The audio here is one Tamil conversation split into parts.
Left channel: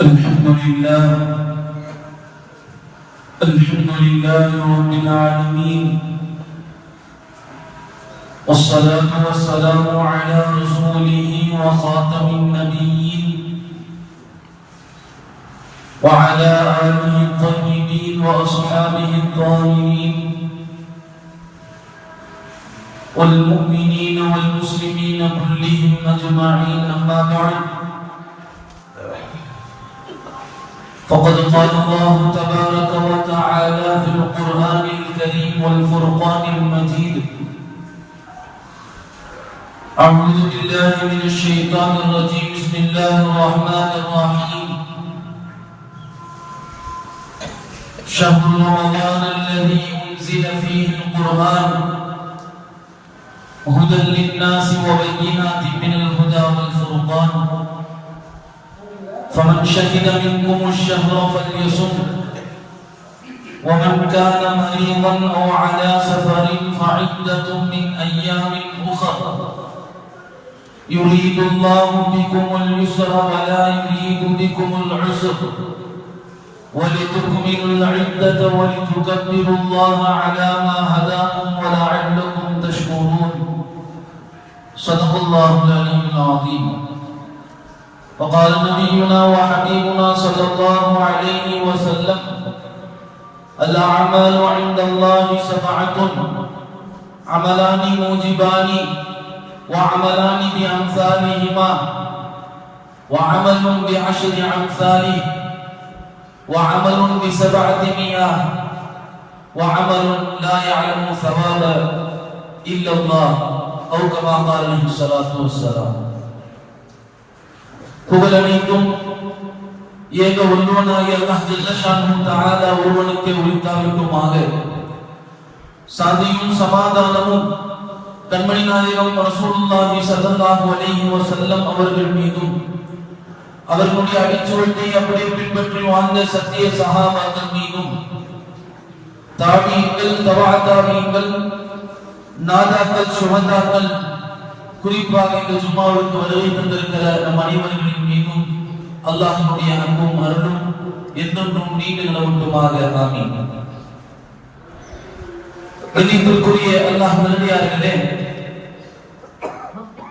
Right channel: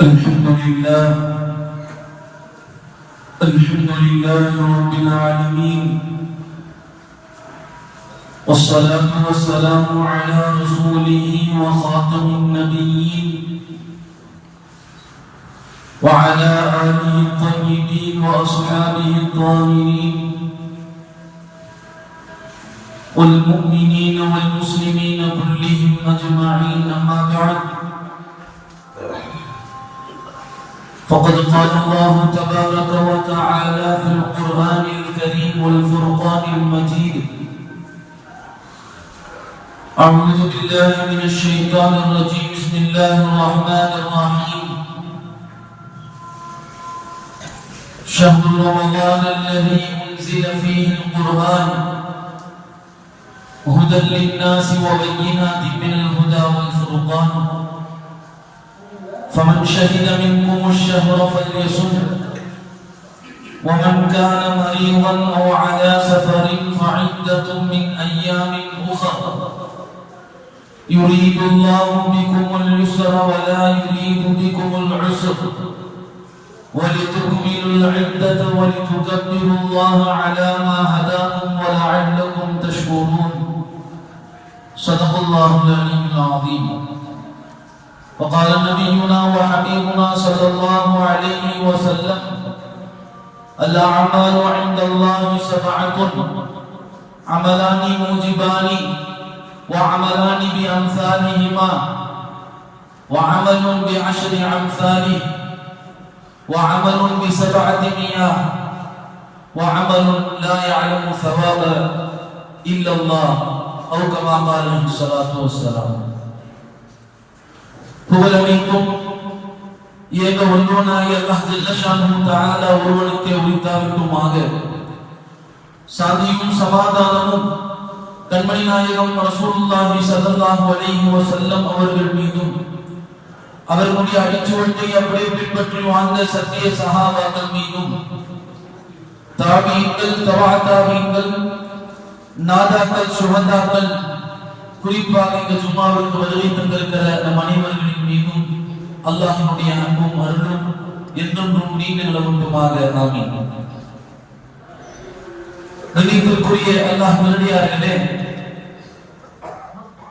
الحمد لله. الحمد لله رب العالمين. والصلاة والسلام على رسوله وخاتم النبيين وعلى آله الطيبين وأصحابه الطاهرين والمؤمنين والمسلمين كلهم أجمعين. أما بعد فقد قال الله تبارك وتعالى في القرآن الكريم والفرقان المجيد. أعوذ بالله من الشيطان الرجيم. بسم الله الرحمن الرحيم. شهر رمضان الذي أنزل فيه القرآن. هدى للناس وبينات من الهدى والفرقان. شهد منكم الشهر فليصم. ومن كان مريضا أو على سفر فعدة من أيام أخر. يريد الله بكم اليسر ولا يريد بكم العسر. ولتكملوا العدة ولتكبروا الله على ما هداكم ولعلكم تشكرون. صدق الله العلي العظيم. وقال نبينا وحبيبنا صلى الله عليه وسلم الأعمال عند الله سبعة عملان موجبان وعملان بأمثالهما وعمل بعشر أمثاله وعمل بسبعة مياه وعمل لا يعلم ثواب إلا الله أو كما قال عليه الصلاة والسلام. புகழனைக்கும் ஏக ஒன்றனாகிய அல்லாஹ் ஜல்லஷானு தஆலா ஒருவனுக்கே உரித்தாருக்குமாக சாந்தியும் சமாதானமும் கண்மணி நாயகம் ரசூலுல்லாஹி ஸல்லல்லாஹு அலைஹி வஸல்லம் அவர்கள் மீதும் அவர்களுடைய அடிச்சுவட்டை அப்படியே பின்பற்றி வாழ்ந்த சத்திய சஹாபாக்கள் மீதும். தாபியங்கள் தவா தாபியங்கள் நாதாக்கள் சுகந்தாக்கள் குறிப்பாக இந்த ஜும்மாவிற்கு வருகை தந்திருக்கிற நம் அனைவர்களின் மீதும் அல்லாஹினுடைய அன்பும் அருளும் என்றென்றும் நீண்ட நிலவட்டுமாக ஆமீன். கணித்திற்குரிய அல்லாஹ் நல்லடியார்களே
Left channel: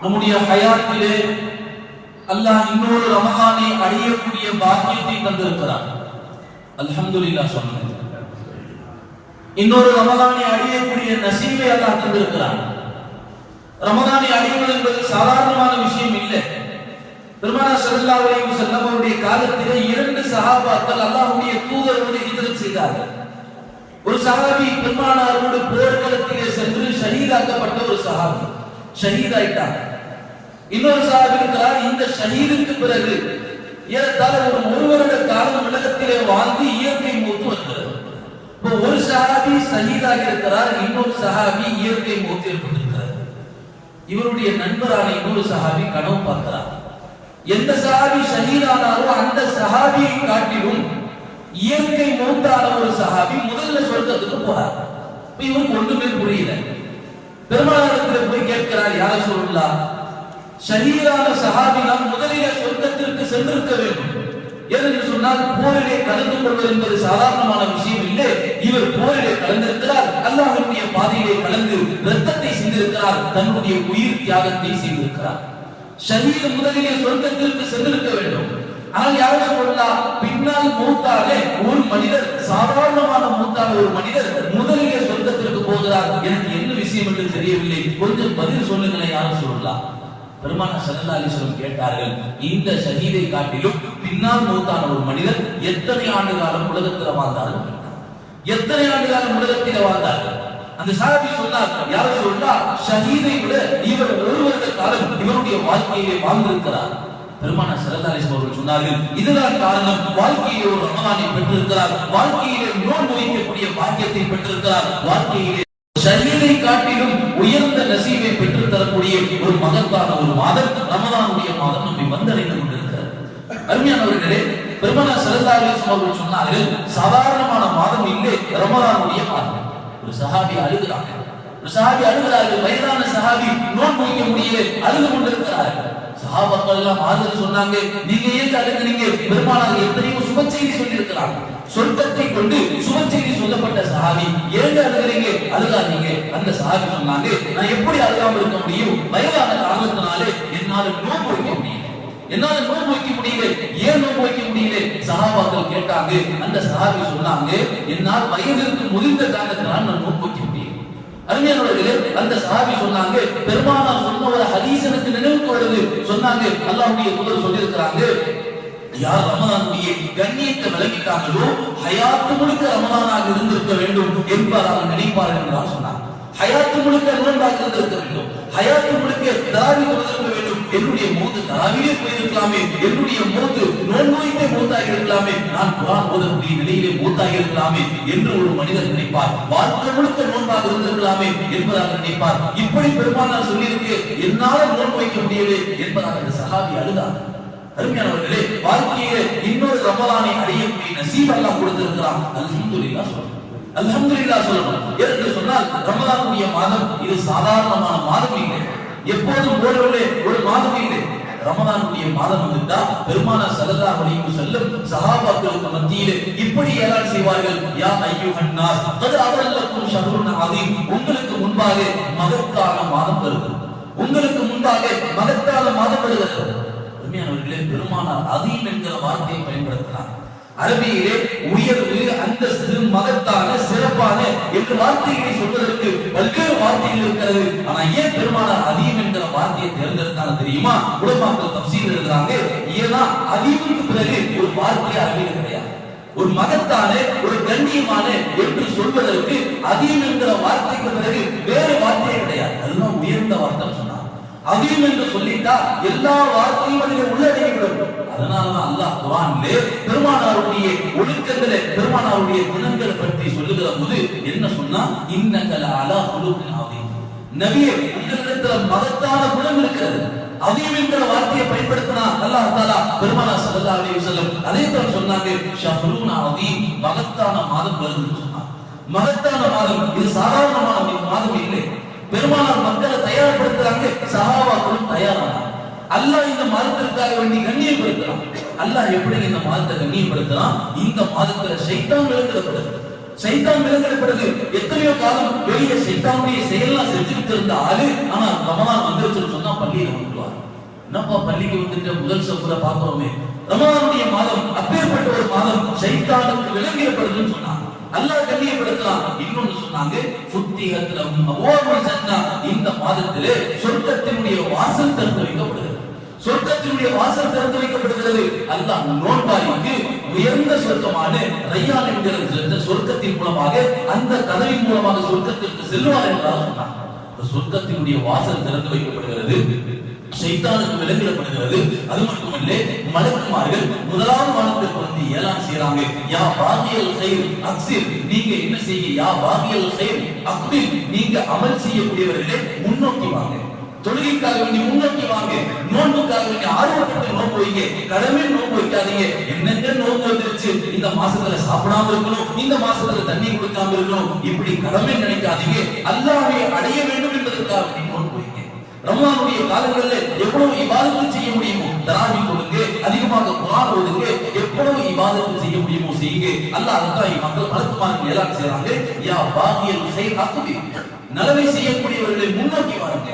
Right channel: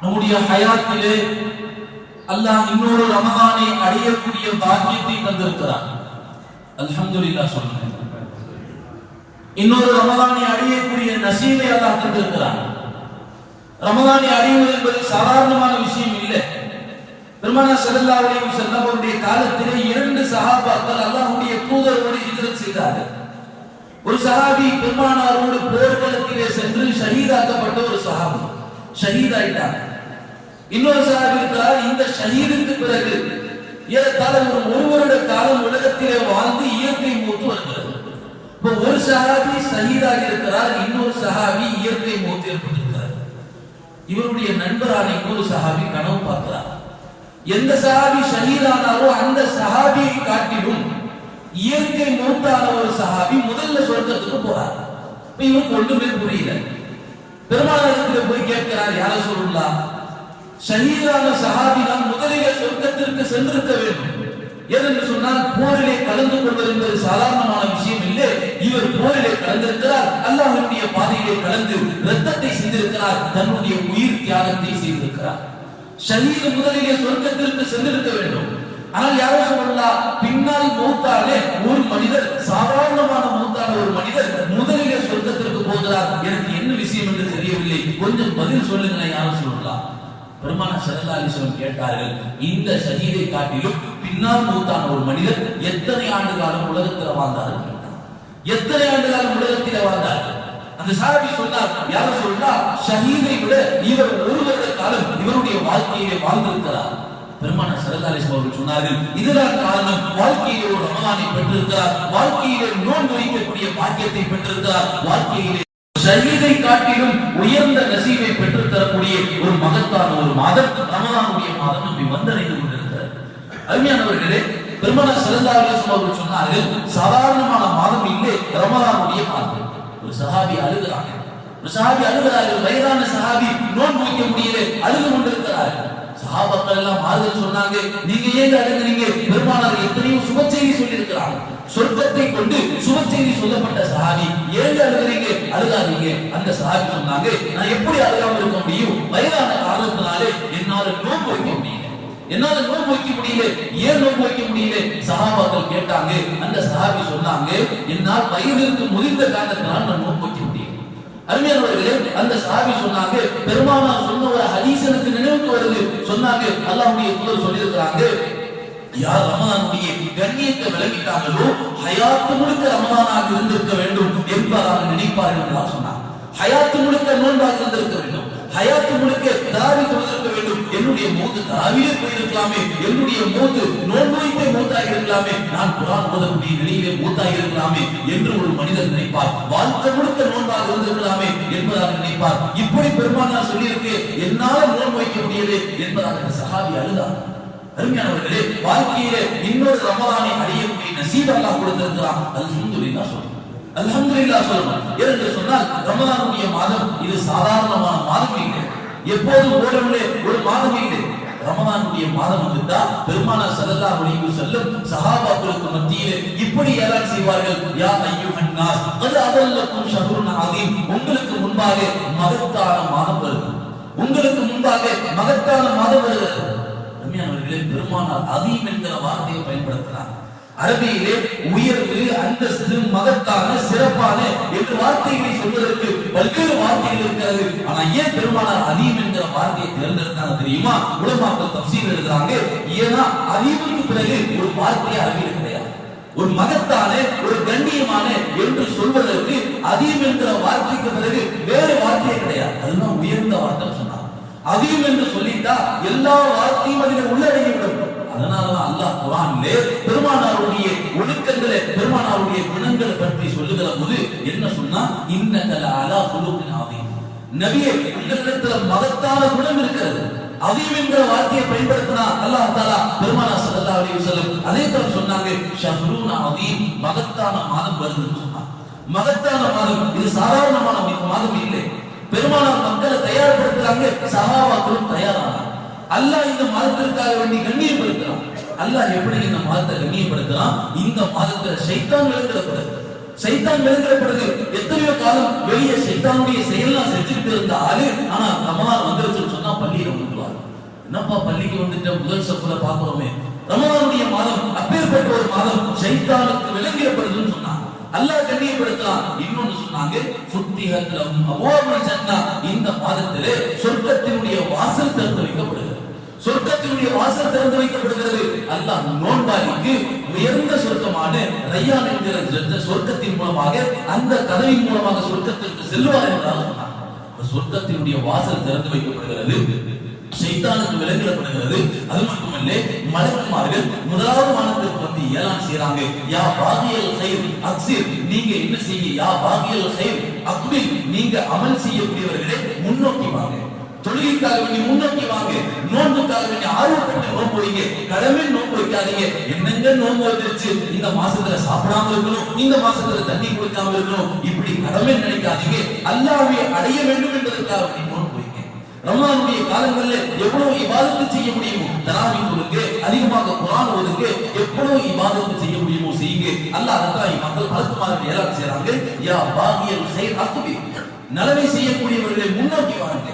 நம்முடைய ஹயாத்திலே அல்லாஹ் இன்னொரு ரமகானை அடையக்கூடிய பாக்கியத்தை தந்திருக்கிறான். அல்ஹம்துலில்லாஹ் சொல்லுங்க. இன்னொரு ரமகானை அடையக்கூடிய நசீவை அல்லாஹ் தந்திருக்கிறான். ரமதானை அடைவது என்பது சாதாரணமான விஷயம் இல்லை. பெருமானா ஸல்லல்லாஹு அலைஹி வஸல்லம் காலத்திலே இரண்டு சகாபாக்கள் அல்லாஹுடைய தூதரோடு ஹிஜ்ரத் செய்தார்கள். ஒரு சஹாபி பெருமானாரோடு போர்க்களத்திலே சென்று ஷஹீதாக்கப்பட்ட ஒரு சஹாபி. ஷஹீதாயிட்டார் இன்னொரு சஹாபி இருக்கிறார். இந்த ஷஹீதுக்கு பிறகு ஏறத்தாழ ஒரு ஒரு வருட காலம் உலகத்திலே வாழ்ந்து இயற்கை மூத்து வந்தது இப்போ ஒரு சஹாபி ஷஹீதாக இருக்கிறார். இன்னொரு சஹாபி இயற்கை மூத்து ஏற்பட்டிருக்கிறார் இவருடைய நண்பரான இன்னொரு சஹாபி கனவு பார்க்கிறார். எந்த சஹாபி ஷஹீதானாரோ அந்த சஹாபியை காட்டிலும் இயற்கை மூத்தான ஒரு சஹாபி முதல்ல சொர்க்கத்துக்கு போறார். இப்ப இவருக்கு ஒன்றுமே புரியல. பெருமானத்துல போய் கேட்கிறார் யார சொல்லலாம் ஷஹீதான சஹாபி தான் முதலிலே சொர்க்கத்திற்கு சென்றிருக்க வேண்டும். ஏனென்று சொன்னால் போரிலே கலந்து கொள்வது என்பது சாதாரணமான விஷயம் இல்லை. இவர் போரிலே கலந்திருக்கிறார். அல்லாஹனுடைய பாதையிலே கலந்து ரத்தத்தை சிந்திருக்கிறார். தன்னுடைய உயிர் தியாகத்தை செய்திருக்கிறார். ஷஹீது முதலிலே சொர்க்கத்திற்கு சென்றிருக்க வேண்டும். ஆனால் யாரும் சொல்லலாம் பின்னால் மூத்தாலே ஒரு மனிதர் சாதாரணமான மூத்தான ஒரு மனிதர் முதலிலே சொர்க்கத்திற்கு போகிறார். எனக்கு என்ன விஷயம் என்று தெரியவில்லை. கொஞ்சம் பதில் சொல்லுங்களேன் யாரும் சொல்லலாம் பெருமான சல்லா அலிஸ்வரம் கேட்டார்கள் இந்த ஷஹீதை காட்டிலும் பின்னால் மூத்தான ஒரு மனிதர் எத்தனை ஆண்டு காலம் உலகத்தில் வாழ்ந்தார்கள் எத்தனை ஆண்டு காலம் உலகத்தில் வாழ்ந்தார்கள் அந்த சாரதி சொன்னார் யாரும் சொல்றா ஷஹீதை விட இவர் ஒரு வருட காலம் இவருடைய வாழ்க்கையை வாழ்ந்திருக்கிறார். பெருமான சரதாரிசம் அவர்கள் சொன்னார்கள் இதுதான் காரணம் வாழ்க்கையிலே ஒரு ரமதானை பெற்றிருக்கிறார் வாழ்க்கையிலே நோன்பு வைக்கக்கூடிய பாக்கியத்தை பெற்றிருக்கிறார் வாழ்க்கையிலே ஷஹீதை காட்டிலும் உயர்ந்த நசீவை பெற்றுத் தரக்கூடிய ஒரு மகத்தான ஒரு மதம் ரமதானுடைய மதம் நம்மை வந்தடைந்து கொண்டிருக்கிறது. அருமையானவர்களே பெருமனா சிறந்தா அவர்கள் சொன்னார்கள் சாதாரணமான மாதம் இல்லை ரமதானுடைய மாதம். ஒரு சஹாபி அழுகிறார்கள். ஒரு சஹாபி அழுகிறார்கள் வயதான சஹாபி நோன் வைக்க முடியல அழுது கொண்டிருக்கிறார்கள். சகாபாக்கள் எல்லாம் மாறுதல் சொன்னாங்க. நீங்க ஏன் அழுகிறீங்க பெருமானார் எத்தனையோ சுப செய்தி சொல்லி இருக்கிறாங்க சொர்க்கத்தை கொண்டு சுப செய்தி சொல்லப்பட்ட சஹாபி ஏங்க அழுகிறீங்க? அழுகாதீங்க. அந்த சஹாபி சொன்னாங்க நான் எப்படி அழுகாம இருக்க முடியும்? வயதான காரணத்தினாலே என்னால நோன்பு வைக்க முடியல. என்னால நோன்பு வைக்க முடியல. ஏன் நோன்பு வைக்க முடியல? சகாபாக்கள் கேட்டாங்க. அந்த சஹாபி சொன்னாங்க என்னால் வயதிற்கு முதிர்ந்த காரணத்தினால் நான் அருமையானவர்களே அந்த சாவி சொன்னாங்க பெருமானா சொன்ன ஒரு ஹதீஸ் எனக்கு நினைவுக்கு வருது. சொன்னாங்க அல்லாவுடைய தூதர் சொல்லியிருக்கிறாங்க யார் ரமலானுடைய கண்ணியத்தை விளக்கிட்டாங்களோ ஹயாத்து முழுக்க ரமலானாக இருந்திருக்க வேண்டும் என்பதாக நினைப்பார்கள் என்றார் சொன்னார் ஹயாத்து முழுக்க நோன்பாக இருந்திருக்க வேண்டும். ஹயாத்து முழுக்க தாவி கொடுத்திருக்க வேண்டும் என்னுடைய மூத்து தாவியே போயிருக்கலாமே என்னுடைய மூத்து நோன்போய்த்தே மூத்தாக இருக்கலாமே நான் குரான் ஓதக்கூடிய நிலையிலே மூத்தாக இருக்கலாமே என்று ஒரு மனிதர் நினைப்பார். வாழ்க்கை முழுக்க நோன்பாக இருந்திருக்கலாமே என்பதாக நினைப்பார். இப்படி பெருமானார் சொல்லியிருக்கு என்னால நோன் வைக்க முடியவே என்பதாக அந்த சகாபி அழுதார். அருமையானவர்களே வாழ்க்கையில இன்னொரு ரமலானை அடையக்கூடிய நசீப் எல்லாம் கொடுத்திருக்கிறான். அல்ஹம்துலில்லாஹ் சொல்லணும் அல்ஹம்துலில்லாஹ் சொல்லணும் ஏனென்று சொன்னால் ரமலானுடைய மாதம் இது சாதாரணமான எப்போதும் போலவில்லை ஒரு மாதம் இல்லை. ரமதானுடைய மாதம் வந்துட்டா பெருமான ஸல்லல்லாஹு அலைஹி செல்லும் சஹாபாக்களுக்கு மத்தியிலே இப்படி ஏலான் செய்வார்கள் யா ஐயோ நாஸ் அது அவல்லக்கும் ஷஹ்ருன் அதீம் உங்களுக்கு முன்பாக மகத்தான மாதம் வருது. உங்களுக்கு முன்பாக மகத்தான மாதம் வருகிறது பெருமானார் அதீம் என்கிற வார்த்தையை பயன்படுத்தினார். அரபியிலே உயர்வு அந்தஸ்து மகத்தான சிறப்பான என்று வார்த்தைகளை சொல்வதற்கு பல்வேறு வார்த்தைகள் இருக்கிறது. ஆனா ஏன் பெருமானார் அதீம் என்ற வார்த்தையை தேர்ந்தெடுத்தாங்க தெரியுமா? உலமாக்கள் தப்சீல் எழுதுறாங்க ஏன்னா அதீமுக்கு பிறகு ஒரு வார்த்தை அரபியில் கிடையாது. ஒரு மகத்தான ஒரு கண்ணியமான என்று சொல்வதற்கு அதீம் என்கிற வார்த்தைக்கு பிறகு வேறு வார்த்தையே கிடையாது. அதுதான் உயர்ந்த வார்த்தை சொன்னாங்க. அதீம் என்று சொல்லிட்டா எல்லா வார்த்தையும் அதில் உள்ளடங்கிவிடும். அதனாலதான் அல்லாஹ் குரானிலே பெருமானாருடைய ஒழுக்கங்களை பெருமானாருடைய குணங்களை பற்றி சொல்லுகிற போது என்ன சொன்னா இன்னகல அலா குழுவின் ஆதீம் நபியே உங்களிடத்துல மகத்தான குணம் இருக்கிறது. அதீம் என்கிற வார்த்தையை பயன்படுத்தினா அல்லாஹ் தாலா பெருமானா சல்லா அலி வஸல்லம் அதே தான் சொன்னாங்க அதீம் மகத்தான மாதம் வருதுன்னு சொன்னாங்க. மகத்தான மாதம் இது சாதாரணமான மாதம் இல்லை. பெருமானார் மக்களை தயார்படுத்துறாங்க சஹாபாக்களும் தயாரானாங்க. அல்லாஹ் இந்த மதத்திற்காக வேண்டி கண்ணியப்படுத்துறான். அல்லாஹ் எப்படி இந்த மாதத்தை கண்ணியப்படுத்துறான்? இந்த மாதத்துல சைத்தான் விழுக்கிறப்படுது சைத்தான் விளக்கிறப்படுது எத்தனையோ காலம் வெளியே சைத்தானுடைய செயல்லாம் செஞ்சுட்டு இருந்த ஆளு ஆனா ரமலான் வந்துருச்சுன்னு சொன்னா பள்ளியில வந்துடுவார் என்னப்பா பள்ளிக்கு வந்துட்டு முதல் சப்புல பாக்குறோமே ரமலானுடைய மாதம் அப்பேற்பட்ட ஒரு மாதம் சைத்தானுக்கு விளங்கிடப்படுதுன்னு சொன்னாங்க. அல்லாஹ் கண்ணியப்படுத்தலாம் இன்னொன்னு சொன்னாங்க ஃபுத்திஹத்லம் அபுவாபுல் ஜன்னா இந்த மாதத்திலே சொர்க்கத்தினுடைய வாசல் திறந்து சொர்க்கத்தினுடைய வாசல் திறந்து வைக்கப்படுகிறது. அல்லாஹ் நோன்பாரிக்கு உயர்ந்த சொர்க்கமான ரையான் என்கிற சொர்க்கத்தின் மூலமாக அந்த கதவின் மூலமாக சொர்க்கத்திற்கு செல்வார் என்றால் சொன்னார் சொர்க்கத்தினுடைய வாசல் திறந்து வைக்கப்படுகிறது சைத்தானுக்கு விலங்கிடப்படுகிறது அது மட்டுமல்ல மலக்குமார்கள் முதலாவது வானத்தில் பிறந்து ஏலாம் செய்யறாங்க யா பாகியல் செயல் அக்சிர் நீங்க என்ன செய்யுங்க யா பாகியல் செயல் அக்பில் நீங்க அமல் செய்யக்கூடியவர்களே முன்னோக்கி வாங்க. தொழுகைக்காக வேண்டி முன்னோக்கி வாங்க. நோன்புக்காக வேண்டி ஆர்வப்பட்டு நோன்பு வைங்க. கடமை நோன்பு வைக்காதீங்க. என்னென்ன நோன்பு வந்துருச்சு? இந்த மாசத்துல சாப்பிடாம இருக்கணும். இந்த மாசத்துல தண்ணி கொடுக்காம இருக்கணும். இப்படி கடமை நினைக்காதீங்க. அல்லாவை அடைய வேண்டும் என்பதற்காக வேண்டி நோன்பு வைங்க. ரமலானுடைய காலங்கள்ல எவ்வளவு இபாதத்து செய்ய முடியுமோ தராவி கொடுங்க. அதிகமாக குரான் ஓதுங்க எவ்வளவு இபாதத்து செய்ய முடியுமோ செய்யுங்க. அல்லாஹ் அதான் மக்கள் பலத்துமாக எல்லாம் செய்யறாங்க யா பாகியல் செய் நலவை செய்யக்கூடியவர்களை முன்னோக்கி வாருங்க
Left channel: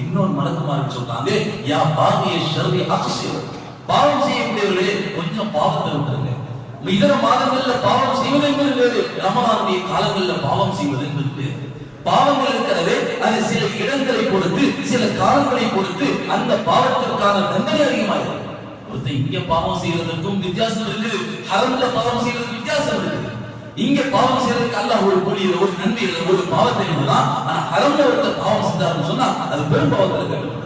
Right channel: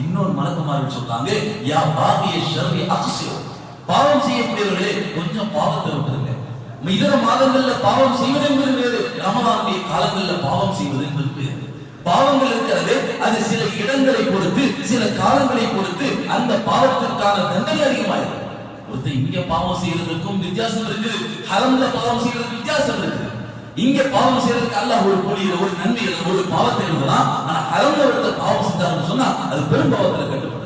இன்னொரு மலக்குமார்கள் சொல்றாங்க யா பாகிய ஷர்வி அக்ஸிர் பாவம் செய்யக்கூடியவர்களே கொஞ்சம் பாவத்தை விட்டுருங்க. இதர மாதங்கள்ல பாவம் செய்வது என்பது வேறு. ரமலானுடைய காலங்கள்ல பாவம் செய்வது என்பது வேறு. பாவங்கள் இருக்கிறது அது சில இடங்களை பொறுத்து சில காலங்களை பொறுத்து அந்த பாவத்திற்கான தண்டனை அதிகமாயிருக்கு ஒருத்தர் இங்க பாவம் செய்வதற்கும் வித்தியாசம் இருக்குது ஹரம்ல பாவம் செய்யறதுக்கு வித்தியாசம் இருக்குது. இங்க பாவம் செய்யறதுக்கு அல்லாஹ் ஒரு கூலி ஒரு நன்மை எழுதும், ஒரு பாவத்தை எழுதலாம் ஆனா ஹரம்ல ஒருத்தர் பாவம் செஞ்சாருன்னு சொன்னா அது பெரும் பாவத்துல கட்டுப்படுது.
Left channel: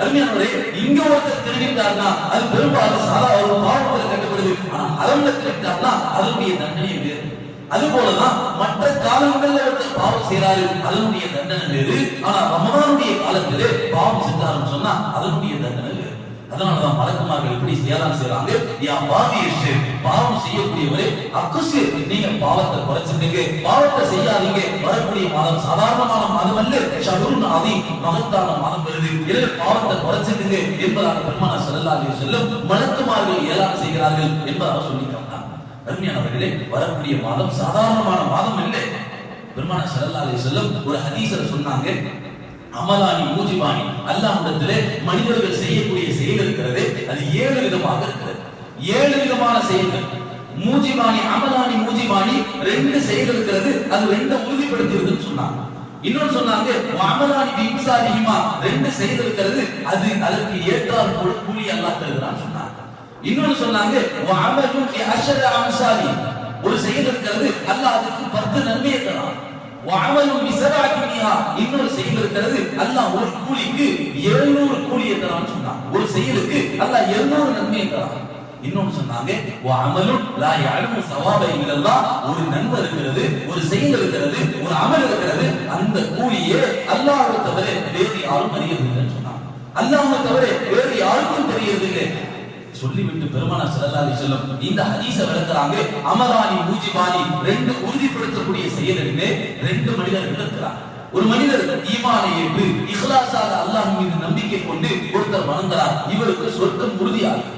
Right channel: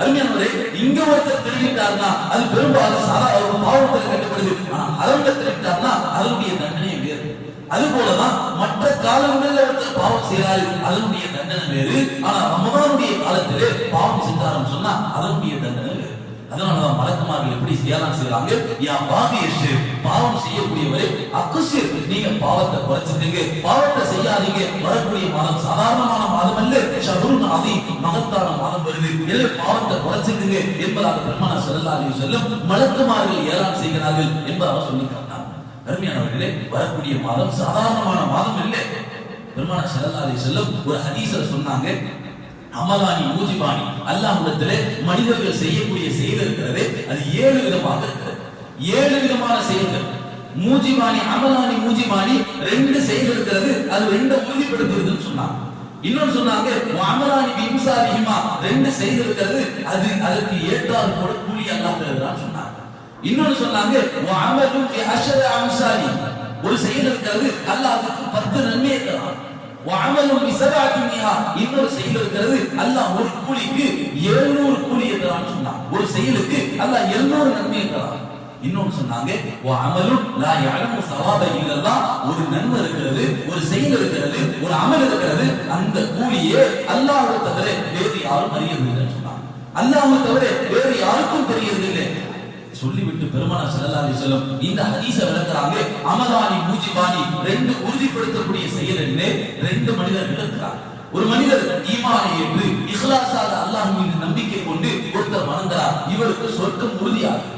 அருமையானவரே இங்க ஒருத்தர் திருடிட்டாருன்னா அது பெரும்பாலும் சாதா ஒரு பாவத்துல கட்டப்படுது. ஆனா அறம்ல திருடிட்டாருன்னா அதனுடைய தண்டனை வேறு. அது போலதான் மற்ற காலங்களில் ஒருத்தர் பாவம் செய்யறாரு அதனுடைய தண்டனை வேறு. ஆனா ரமதானுடைய காலத்திலே பாவம் செஞ்சாருன்னு சொன்னா அதனுடைய தண்டனை வேறு அதனால தான் மலக்குமார்கள் எப்படி தியானம் செய்யறாங்க யா பாவியேஷு பாவம் செய்யக்கூடியவரே அக்குசிர் நீங்க பாவத்தை குறைச்சிருக்கீங்க பாவத்தை செய்யாதீங்க. வரக்கூடிய மாதம் சாதாரணமான மாதம் அல்ல ஷஹருன் அதி மகத்தான மாதம் வருது. எனவே பாவத்தை குறைச்சிருக்கீங்க என்பதாக பெருமானா ஸல்லல்லாஹு அலைஹி வஸல்லம் மலக்குமார்கள் ஏலாம் செய்கிறார்கள் என்பதாக சொல்லி காட்டினார் அருமையானவர்களே வரக்கூடிய மாதம் சாதாரணமான மாதம் இல்லை பெருமானா ஸல்லல்லாஹு அலைஹி ஒரு ஹதீசர் சொன்னாங்க. அமலானி மூஜிபானி அல்லாஹ்விடத்திலே மனிதர்கள் செய்யக்கூடிய செயல் இருக்கிறது. அது ஏழு விதமாக இருக்கிறது. ஏழு விதமான செயல்கள். மூஜிபானி அமலானி மூஜிபானி ரெண்டு செயல் இருக்கிறது. அது ரெண்டு உறுதிப்படுத்துறதுன்னு சொன்னாங்க. இன்னொன்னு சொன்னாங்க அமலானி பிம்சாதிஹிமா ரெண்டு செயல் இருக்கிறது. அது அதற்கு ஏற்றார் போல கூலி அல்லாஹ் தருகிறான்னு சொன்னாங்க. இன்னொன்னு சொன்னாங்க அமலும் அஷர அம்சாலி ஒரு செயல் இருக்கிறது. அல்லாஹ் அதுக்கு பத்து நன்மை இருக்கிறான் அமலும் விசபாக்கினியா இன்னொரு செயல் இருக்கிறது. அல்லாஹ் ஒரு கூலிக்கு எழுநூறு கூலி என்றான் சொன்னான். ஒரு செயலுக்கு அல்லாஹ் எழுநூறு நன்மை என்றான். இன்னொன்னு சொன்னாங்க அமலும் லா யஅலமு சவாப ஒரு நன்மை இருக்கிறது ஒரு செயல் இருக்கிறது ஒரு அமல் இருக்கிறது. அந்த கூலியே அல்லாஹ்வை தவிர வேறு யாரும் தெரியவில்லைன்னு சொன்னாங்க அல்லாஹ்வை தவிர வேறு யாருக்கும் தெரியறதில்லை. சொல்லிவிட்டு பெருமானா ஸல்லல்லாஹு செல்லும் இந்த ஹதீஸ விளக்குறாங்க. அமதானி பூஜிபானி ரெண்டு உறுதிப்படுத்தக்கூடிய செயல் என்று ரெண்டு மனிதர்கள் இருக்கிறார் ஒரு மனிதர் ஈமானை ஏற்று இஹ்லாசால அல்லாஹ் மீது நம்பிக்கை கொண்டு ஒருத்தர் வணங்குறார் இவருக்கு சொர்க்கம் உறுதியாகும்.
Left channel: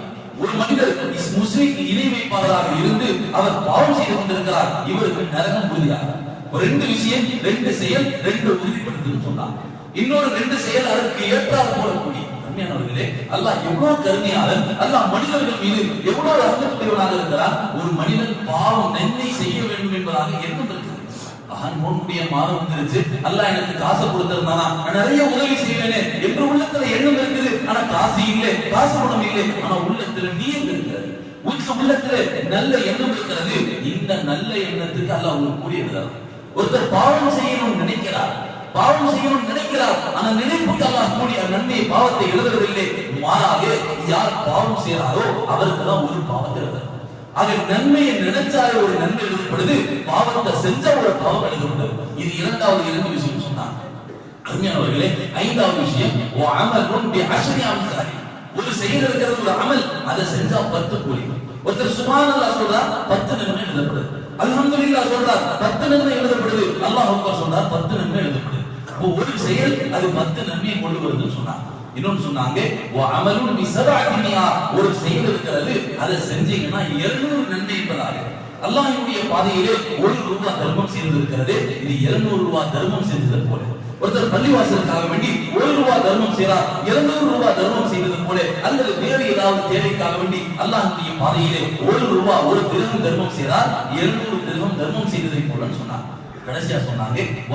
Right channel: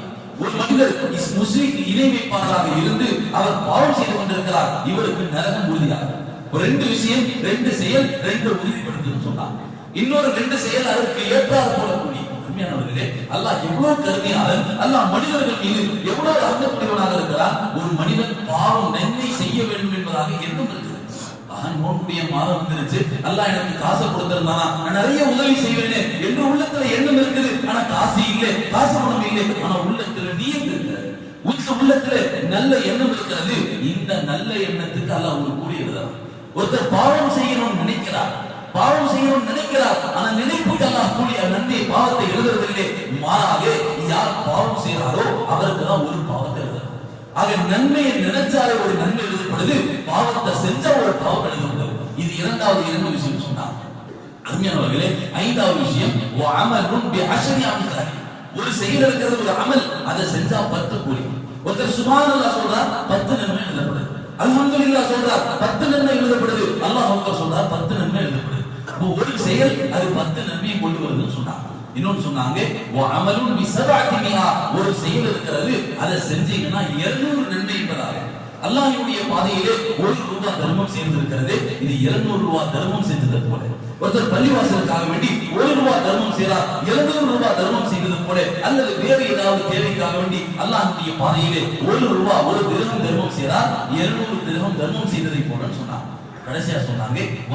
ஒரு மனிதர் முஸ்லீம் முஸ்லிம் இணை வைப்பாளராக இருந்து அவர் பாவம் செய்து கொண்டிருக்கிறார் இவருக்கு நரகம் உறுதியாகும். ரெண்டு விஷயம் ரெண்டு செயல் ரெண்டு உறுதிப்படுத்துன்னு சொன்னார் இன்னொரு ரெண்டு செயல் அதற்கு ஏற்றார் போடக்கூடிய அருமையானவர்களே அல்லாஹ் எவ்வளவு கருமையாளன் அல்லாஹ் மனிதர்கள் மீது எவ்வளவு அருந்தக்கூடியவனாக இருக்கிறார் ஒரு மனிதன் பாவம் நன்மை செய்ய வேண்டும் என்பதாக எண்ணம் இருக்கிறது மாதம் வந்துருச்சு. அல்லாஹ் எனக்கு காசை கொடுத்திருந்தானா? நான் நிறைய உதவி செய்வேனே என்று உள்ளத்துல எண்ணம் இருக்குது. ஆனா காசு இல்லை காசு பணம் இல்லை. ஆனா உள்ளத்துல நீயம் இருக்கிறது. உங்க உள்ளத்துல நல்ல எண்ணம் இருக்கிறது. இந்த நல்ல எண்ணத்துக்கு அல்லாஹ் உங்களுக்கு கூடியிருக்கிறார் ஒருத்தர் பாவம் செய்யணும்னு நினைக்கிறார். பாவம் செய்யவும் நினைக்கிறார். ஆனா நினைப்புக்கு அல்லாஹ் கூடிய நன்மை பாவத்தை எழுதுறதில்லை. மாறாக யார் பாவம் செய்யறாரோ அவருக்கு தான் ஒரு பாவத்தை எழுதுறது ஆக நன்மையை நினைச்சாலே ஒரு நன்மை எழுதப்படுது. பாவத்தை செஞ்ச ஒரு பாவம் எழுதப்படுது. இது இரண்டாவது இரண்டு விஷயம் சொன்னார் அருமையானவர்களே ஐந்தாவது விஷயம் ஓ அமலும் ஒரு செயல் இருக்கிறது ஒரு அமல் அதை செஞ்சா பத்து கூலி. ஒருத்தர் சுப்ஹானல்லாஹ் சொல்றார் பத்து நன்மை எழுதப்படுது. அல்ஹம்துலில்லாஹ் சொல்றார் பத்து நன்மை எழுதப்படுது. அல்லாஹ் சொல்றார் பத்து நன்மை எழுதப்படுது. அப்போ ஒரு செயல் அது பத்து நன்மையை கொண்டு வருதுன்னு சொன்னாங்க. இன்னொன்னு சொன்னாங்க ஓ அமலும் பி ஒரு செயல் இருக்கிறது அதை செஞ்சீங்கன்னா 200 நன்மை பெறாங்க அல்லாஹினுடைய பாதையிலே ஒரு ரூபாய் தர்மம் செய்திருக்கிறது இது 200 ரூபாய் தர்மம் செஞ்சதை போல. ஒருத்தர் பள்ளிவாசலுக்காக வேண்டி ஒரு ரூபாய் தர்மம் செய்தார் 200 ரூபாய் தர்மம் செய்வது போல அல்லது வேறு ஏதாவது தேவைக்காக வேண்டி அல்லாஹுடைய பாதையிலே ஒரு ரூபாய் ஒரு திரகம் தர்மம் செய்கிறார் இருநூறு திரகம் தர்மம் செய்ததை போலன்னு சொன்னார் கடைசியா சொன்னாங்க "வ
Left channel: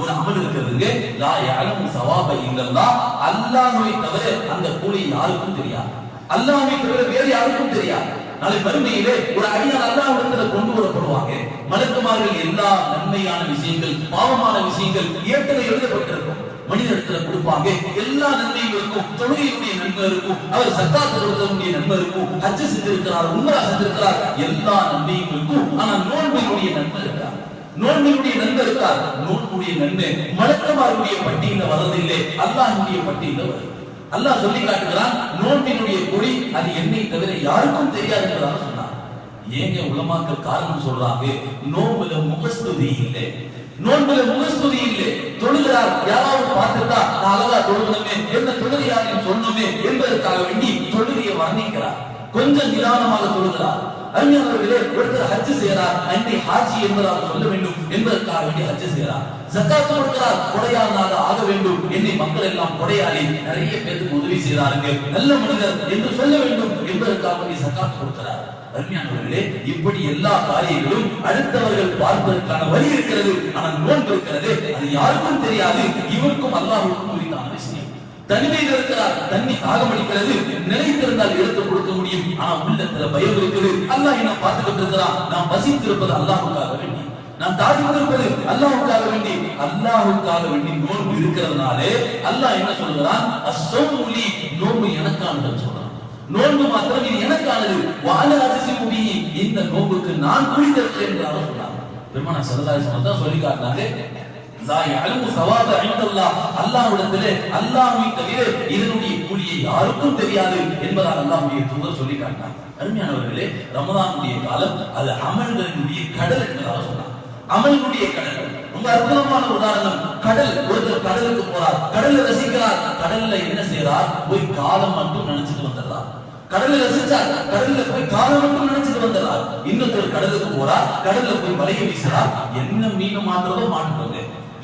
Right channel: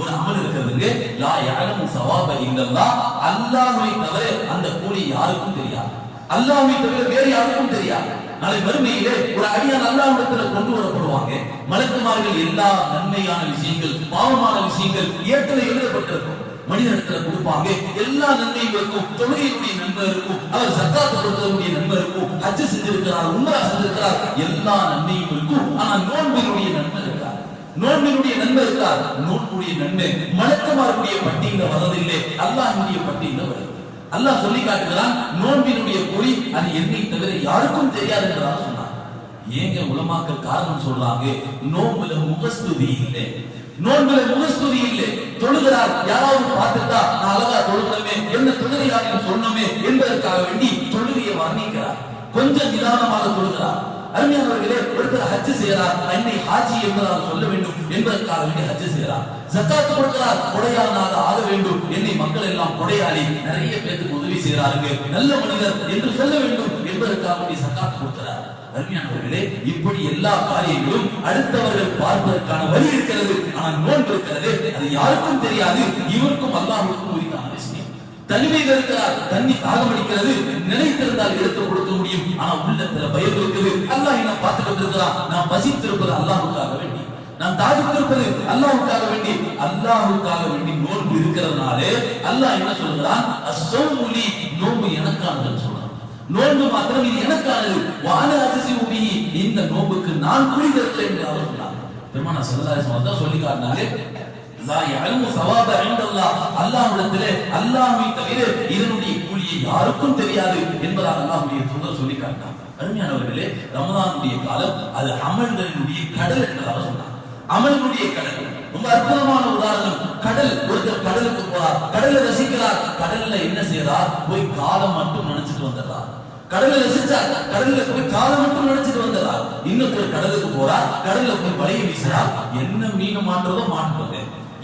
ஒரு அமல் இருக்கிறதுங்க லா யாரும் சவாப இல்லல்லாஹ் அல்லாஹ்வை தவிர அந்த கூலி யாருக்கும் தெரியாது. அல்லாஹ்வை தவிர வேறு யாருக்கும் தெரியாது. நாளை மறுமையிலே ஒரு அடியான் அல்லாஹ்விடத்துல கொண்டு வரப்படுவாங்க. மலக்குமார்கள் எல்லா நன்மையான விஷயங்கள் பாவமான விஷயங்கள் ஏற்றலை எழுதப்பட்டிருக்கும். மனிதனிடத்துல கொடுப்பாங்க. எல்லா நன்மைகளுக்கும் தொழிலுடைய தொழுகையுடைய நன்மை இருக்கும் அவர் சத்தா கொடுத்தவருடைய நன்மை இருக்கும் ஹஜ் செஞ்சிருக்கிறார் உம்ரா செஞ்சிருக்கிறார் எல்லா நன்மையும் இருக்கும் ஆனா நோன்பினுடைய நன்மை இருக்கார் நோன்பினுடைய நன்மை இருக்கா? நோன்புடைய நன்மை. மலக்கமாருடைய பட்டியல வரதில்லை அல்லாஹினுடைய பட்டியல வருது அல்லாஹ் சொல்லி காட்டுகிறான் நோன்பினுடைய கொடி அது என்னை தவிர யாருக்கும் தெரியாது என்றாக சொன்னார் ஏங்க உலமாக்கள் காரணம் சொல்றாங்க? நோன்புல முகஸ்துதி இல்லை. நோன்புல முகஸ்துதி இல்லை. தொழுகிறார் யாராவது பார்த்துட்டா நான் அழகா தொழுகணுமே என்ன தொழுகையாரில் சொன்னமே என்பதற்காக வேண்டி தொழுகையை வர்ணிக்கிறார். கொஞ்சம் நிதானமாக தொழுகிறார். அருமையானவர்களே ஒருத்தர் ஹஜ் செய்கிறார் அன்னை ஹாஜி என்பதாக சொல்ல வேண்டும் என்பதற்காக வேண்டி ஹஜ் செய்கிறார். ஜக்காத் கொடுக்கிறார் கொடையானாக ஆக வேண்டும். என்னை மக்கள் எல்லாம் கொடையாளி. நிறைய பேருக்கு உதவி செய்கிறாருங்க. நல்ல மனிதர் என்று சொல்ல வேண்டும் என்பதற்காக வேண்டி ஜக்காத் கொடுக்கிறார். அருமையானவர்களே இப்படி எல்லா காரியங்களும் அடுத்தவர்கள் பார்ப்பதற்கான வழி இருக்கிறது. ஆனால் நோன்பு இருக்கிறது. அது யாருக்கும் தெரியாது. இவருக்கும் அல்லாஹுக்கும் உரித்தான விஷயம். தனிமையில் இருக்கிறார். தண்ணி தாகம் அடிக்கிறது நினைத்திருந்தால் எடுத்து கொடுக்க முடியும். ஆனா உள்ளத்துல பயம் இருக்குது. அல்லாஹ் என்ன பார்த்துக்கிட்டு இருக்கிறான் நான் வசித்திருப்பது அல்லாஹுக்காக வேண்டி. நான் தாடித்திருப்பது அல்லாஹுக்காக வேண்டி. அல்லாஹுக்காக வேண்டி நோன்பு இருக்கிறதுனாலே அல்லாஹ் என்ன சொல்லுகிறான்? அஸ்ஸௌமுலி நோன்பு எனக்கானதுன்னு சொல்றான். நோன்பு மாத்திரம் இது எனக்கானது. வாழ அதிசி முடி இந்த நோன்புக்கு நான் கூலி தருகிறேன் என்று அவர் சொன்னாங்க பெருமானா சல்லல்லாஹு சொல்லி காட்டினாங்க அல்லாஹ்விடத்திலே அல்லாஹ்வை தவிர இதனுடைய கூலியை யாருக்கும் தெரியாது என்பதாக அல்லாஹ்வுடைய தூதர் சொல்லி காட்டினார். அருமையானவர்களே ரமதானுடைய காலம் அது அமல்களினுடைய கடல் என்பதாக சொன்னார். அமல்களுடைய கடல். ரொம்ப அற்புதமான உதாரணம். கடல் ஒருத்தர் கடலுக்கு போறார் கடல்ல ரசிக்கிறார். கடல்ல என்ன செய்யறார் போய் காலம் மட்டும் நினைச்சிட்டு வந்துடுறார். கடல்ல ரசிச்சார் கடல்ல போய் காலம் மட்டும் நினைச்சிட்டு வந்துடுறார். இன்னொருத்தர் கடலுக்கு போறார் கடல்ல போய் வலையை வீசுறார். என்ன மீன் மாட்டுறதோ மாட்டுறது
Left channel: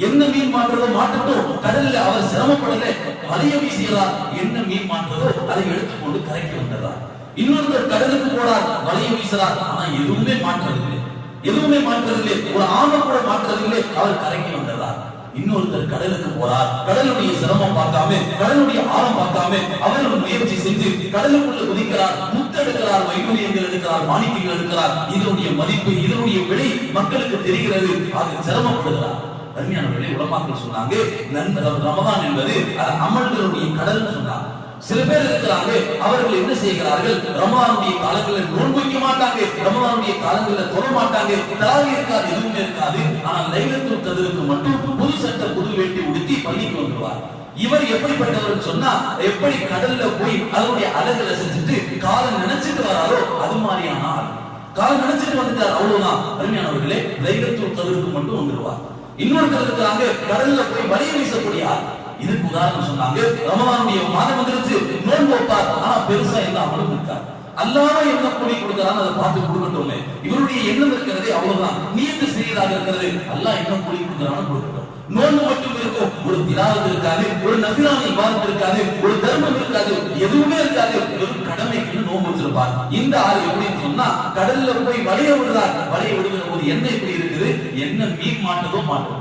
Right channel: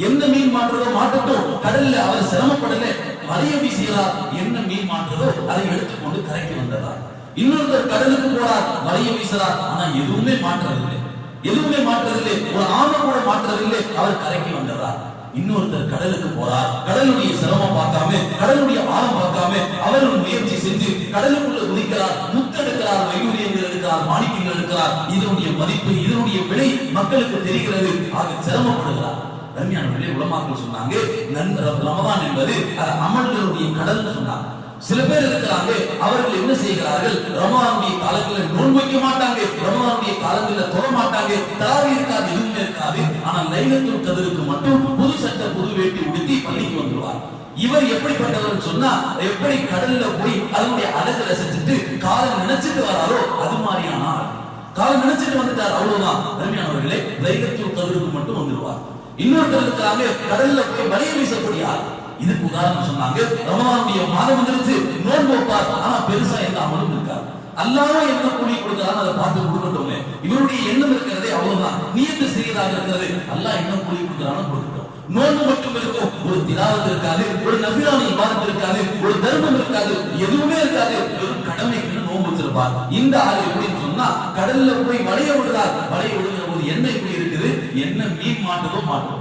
என்ன மீன் மாட்டுறதோ மாட்டட்டும். கடல்ல அவர் சிரமப்படல. வலைய வீசுகிறார் என்ன மீன் மாட்டுறதோ அதை எடுத்துக்கொண்டு கரைக்கு வந்துடுறார். இன்னொருத்தர் கடலுக்கு போறார். வலைய வீசுறார். ஆனா எதுவுமே மாற்றுறதில்லை எதுவுமே மாற்றுறதில்லை ஒரு ஆணை கூட மாற்றுறதில்லை அவர் கரைக்கு வந்துடுறார். இன்னொருத்தர் கடலுக்கு போறார். கடலுடைய சிரமம் பார்க்காம கடலுடைய ஆழம் பார்க்காம அவரும் முயற்சி செஞ்சு கடலுக்குள்ள குதிக்கிறார். முத்தெடுக்கிறார். வைடூரியங்கள் எடுக்கிறார். மாணிக்கங்கள் எடுக்கிறார். இதனுடைய மதிப்பு இதனுடைய விலை மக்களுக்கு தெரிகிறது. அது சிரமப்படுகிறார். அருமையானவர்களே உலமாக்கள் சொன்னாங்க ரமதான் என்பது அமல்களுடைய கடல் சொன்னாங்க. சில பேர் இருக்கிறாங்க அவர்கள் என்ன செய்கிறார்கள்? ரமதானுடைய காலங்களில் நோன் வைக்க மாட்டாங்க ரமதானுடைய காலங்களில் தொட மாட்டாங்க தராவி இருக்காது எதுவுமே இருக்காது. ஆனால் லைலத்துல் கதிருக்கு மட்டும் புது சட்ட புது வேட்டி உடுத்தி பள்ளிக்கு வந்துருவார். இவர் எப்படிப்பட்டவர் சொன்னா எப்படி கடல்ல போய் அதனுடைய அழகு ரசிச்சுட்டு காலை நினைச்சிட்டு வராரோ அது மாதிரியான ஆள். காலை நினைச்சிட்டு வந்துட்டார் அவ்வளவுதான். அருமையானவர்களே லைலத்துல் கதிருக்கு மட்டும் வந்துருவார். இன்னொருத்தர் இருக்கிறாங்க கடல்ல போய் வலைய வீசக்கூடிய ஆள். இதுக்கு உதாரணம் சொன்னாங்க. ரமலானுடைய மாதம் வந்துருச்சு. நோன்பு வைப்பார். ஆனா பெருசா என்ன அமலும் இருக்கார். அல்லாம என்ன கூலி கொடுக்கிறான்னு அதை பார்த்து கொடுக்கட்டும். இவருடைய எண்ணம் இருக்கிறதே அவ்வளவுதான். நீயத்து சிறியதாக இருக்கிறது. அல்லா என்ன கூலி கொடுக்கிறான்னு கொடுக்கட்டும். நோன்பு மட்டும் இருக்கும். ஒரு திராவத்து இருக்காது. ஒரு நபிலான இமானம் இருக்காது. ஒரு தர்மம் இருக்காது. எதுவுமே இருக்காது. வெறும் கடமை நோன்பு இந்த ஆள் எப்படின்னு சொன்னா கடல்ல போய் வளைய விடுறார். வளைய விடுகிற போது என்ன இப்படி இருக்குது? என்ன மீன் மாட்டதோ மாட்டது.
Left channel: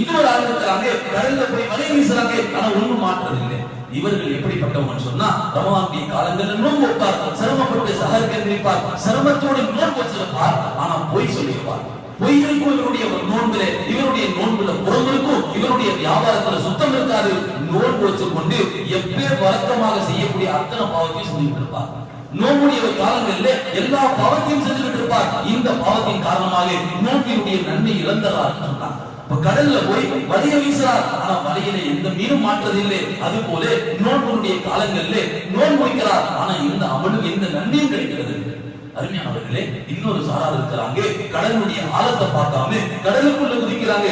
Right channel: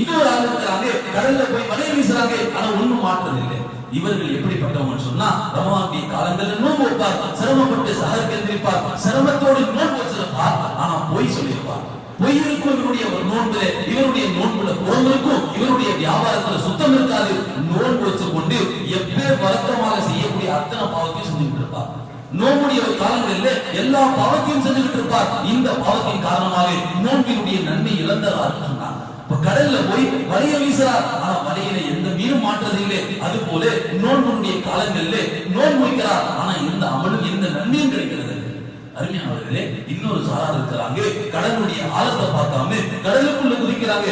இன்னொரு ஆள் இருக்கிறாங்க கடல்ல போய் வலை வீசுறாங்க. ஆனா ஒண்ணும் மாற்றது இல்லை இவர்கள் எப்படிப்பட்டவங்க சொன்னா ரமவானுடைய காலங்கள்ல நோன்பு வைப்பார் சிரமப்பட்டு சஹருக்கு எந்திரிப்பார் சிரமத்தோடு நோன்பு வச்சிருப்பார். ஆனா பொய் சொல்லிடுவார். பொய் இருக்கும் இவருடைய நோன்புல. இவருடைய நோன்புல புறம் இருக்கும். இவருடைய வியாபாரத்துல சுத்தம் இருக்காது. நோன்பு வச்சுக்கொண்டு எப்பேர் வழக்கமாக செய்யக்கூடிய அத்தனை பாவத்தையும் செஞ்சுட்டு இருப்பார். நோம்புடைய காலங்கள்ல எல்லா பாவத்தையும் செஞ்சுக்கிட்டு இருப்பார் இந்த பாவத்தின் காரணமாக நோம்பினுடைய நன்மை இழந்ததார் சொன்னார் இப்ப கடல்ல போய் வலைய வீசுறார். ஆனா வலையில எந்த மீனும் மாற்றது இல்லை அது போல நோன்புடைய காலங்கள்ல நோன்பு வைக்கிறார். ஆனா எந்த அமலும் எந்த நன்மையும் கிடைக்கிறது அருமையானவர்களே இன்னொரு சாரார் இருக்கிறாங்க கடலுடைய ஆழத்தை பார்க்காம கடலுக்குள்ள குதிக்கிறாங்க.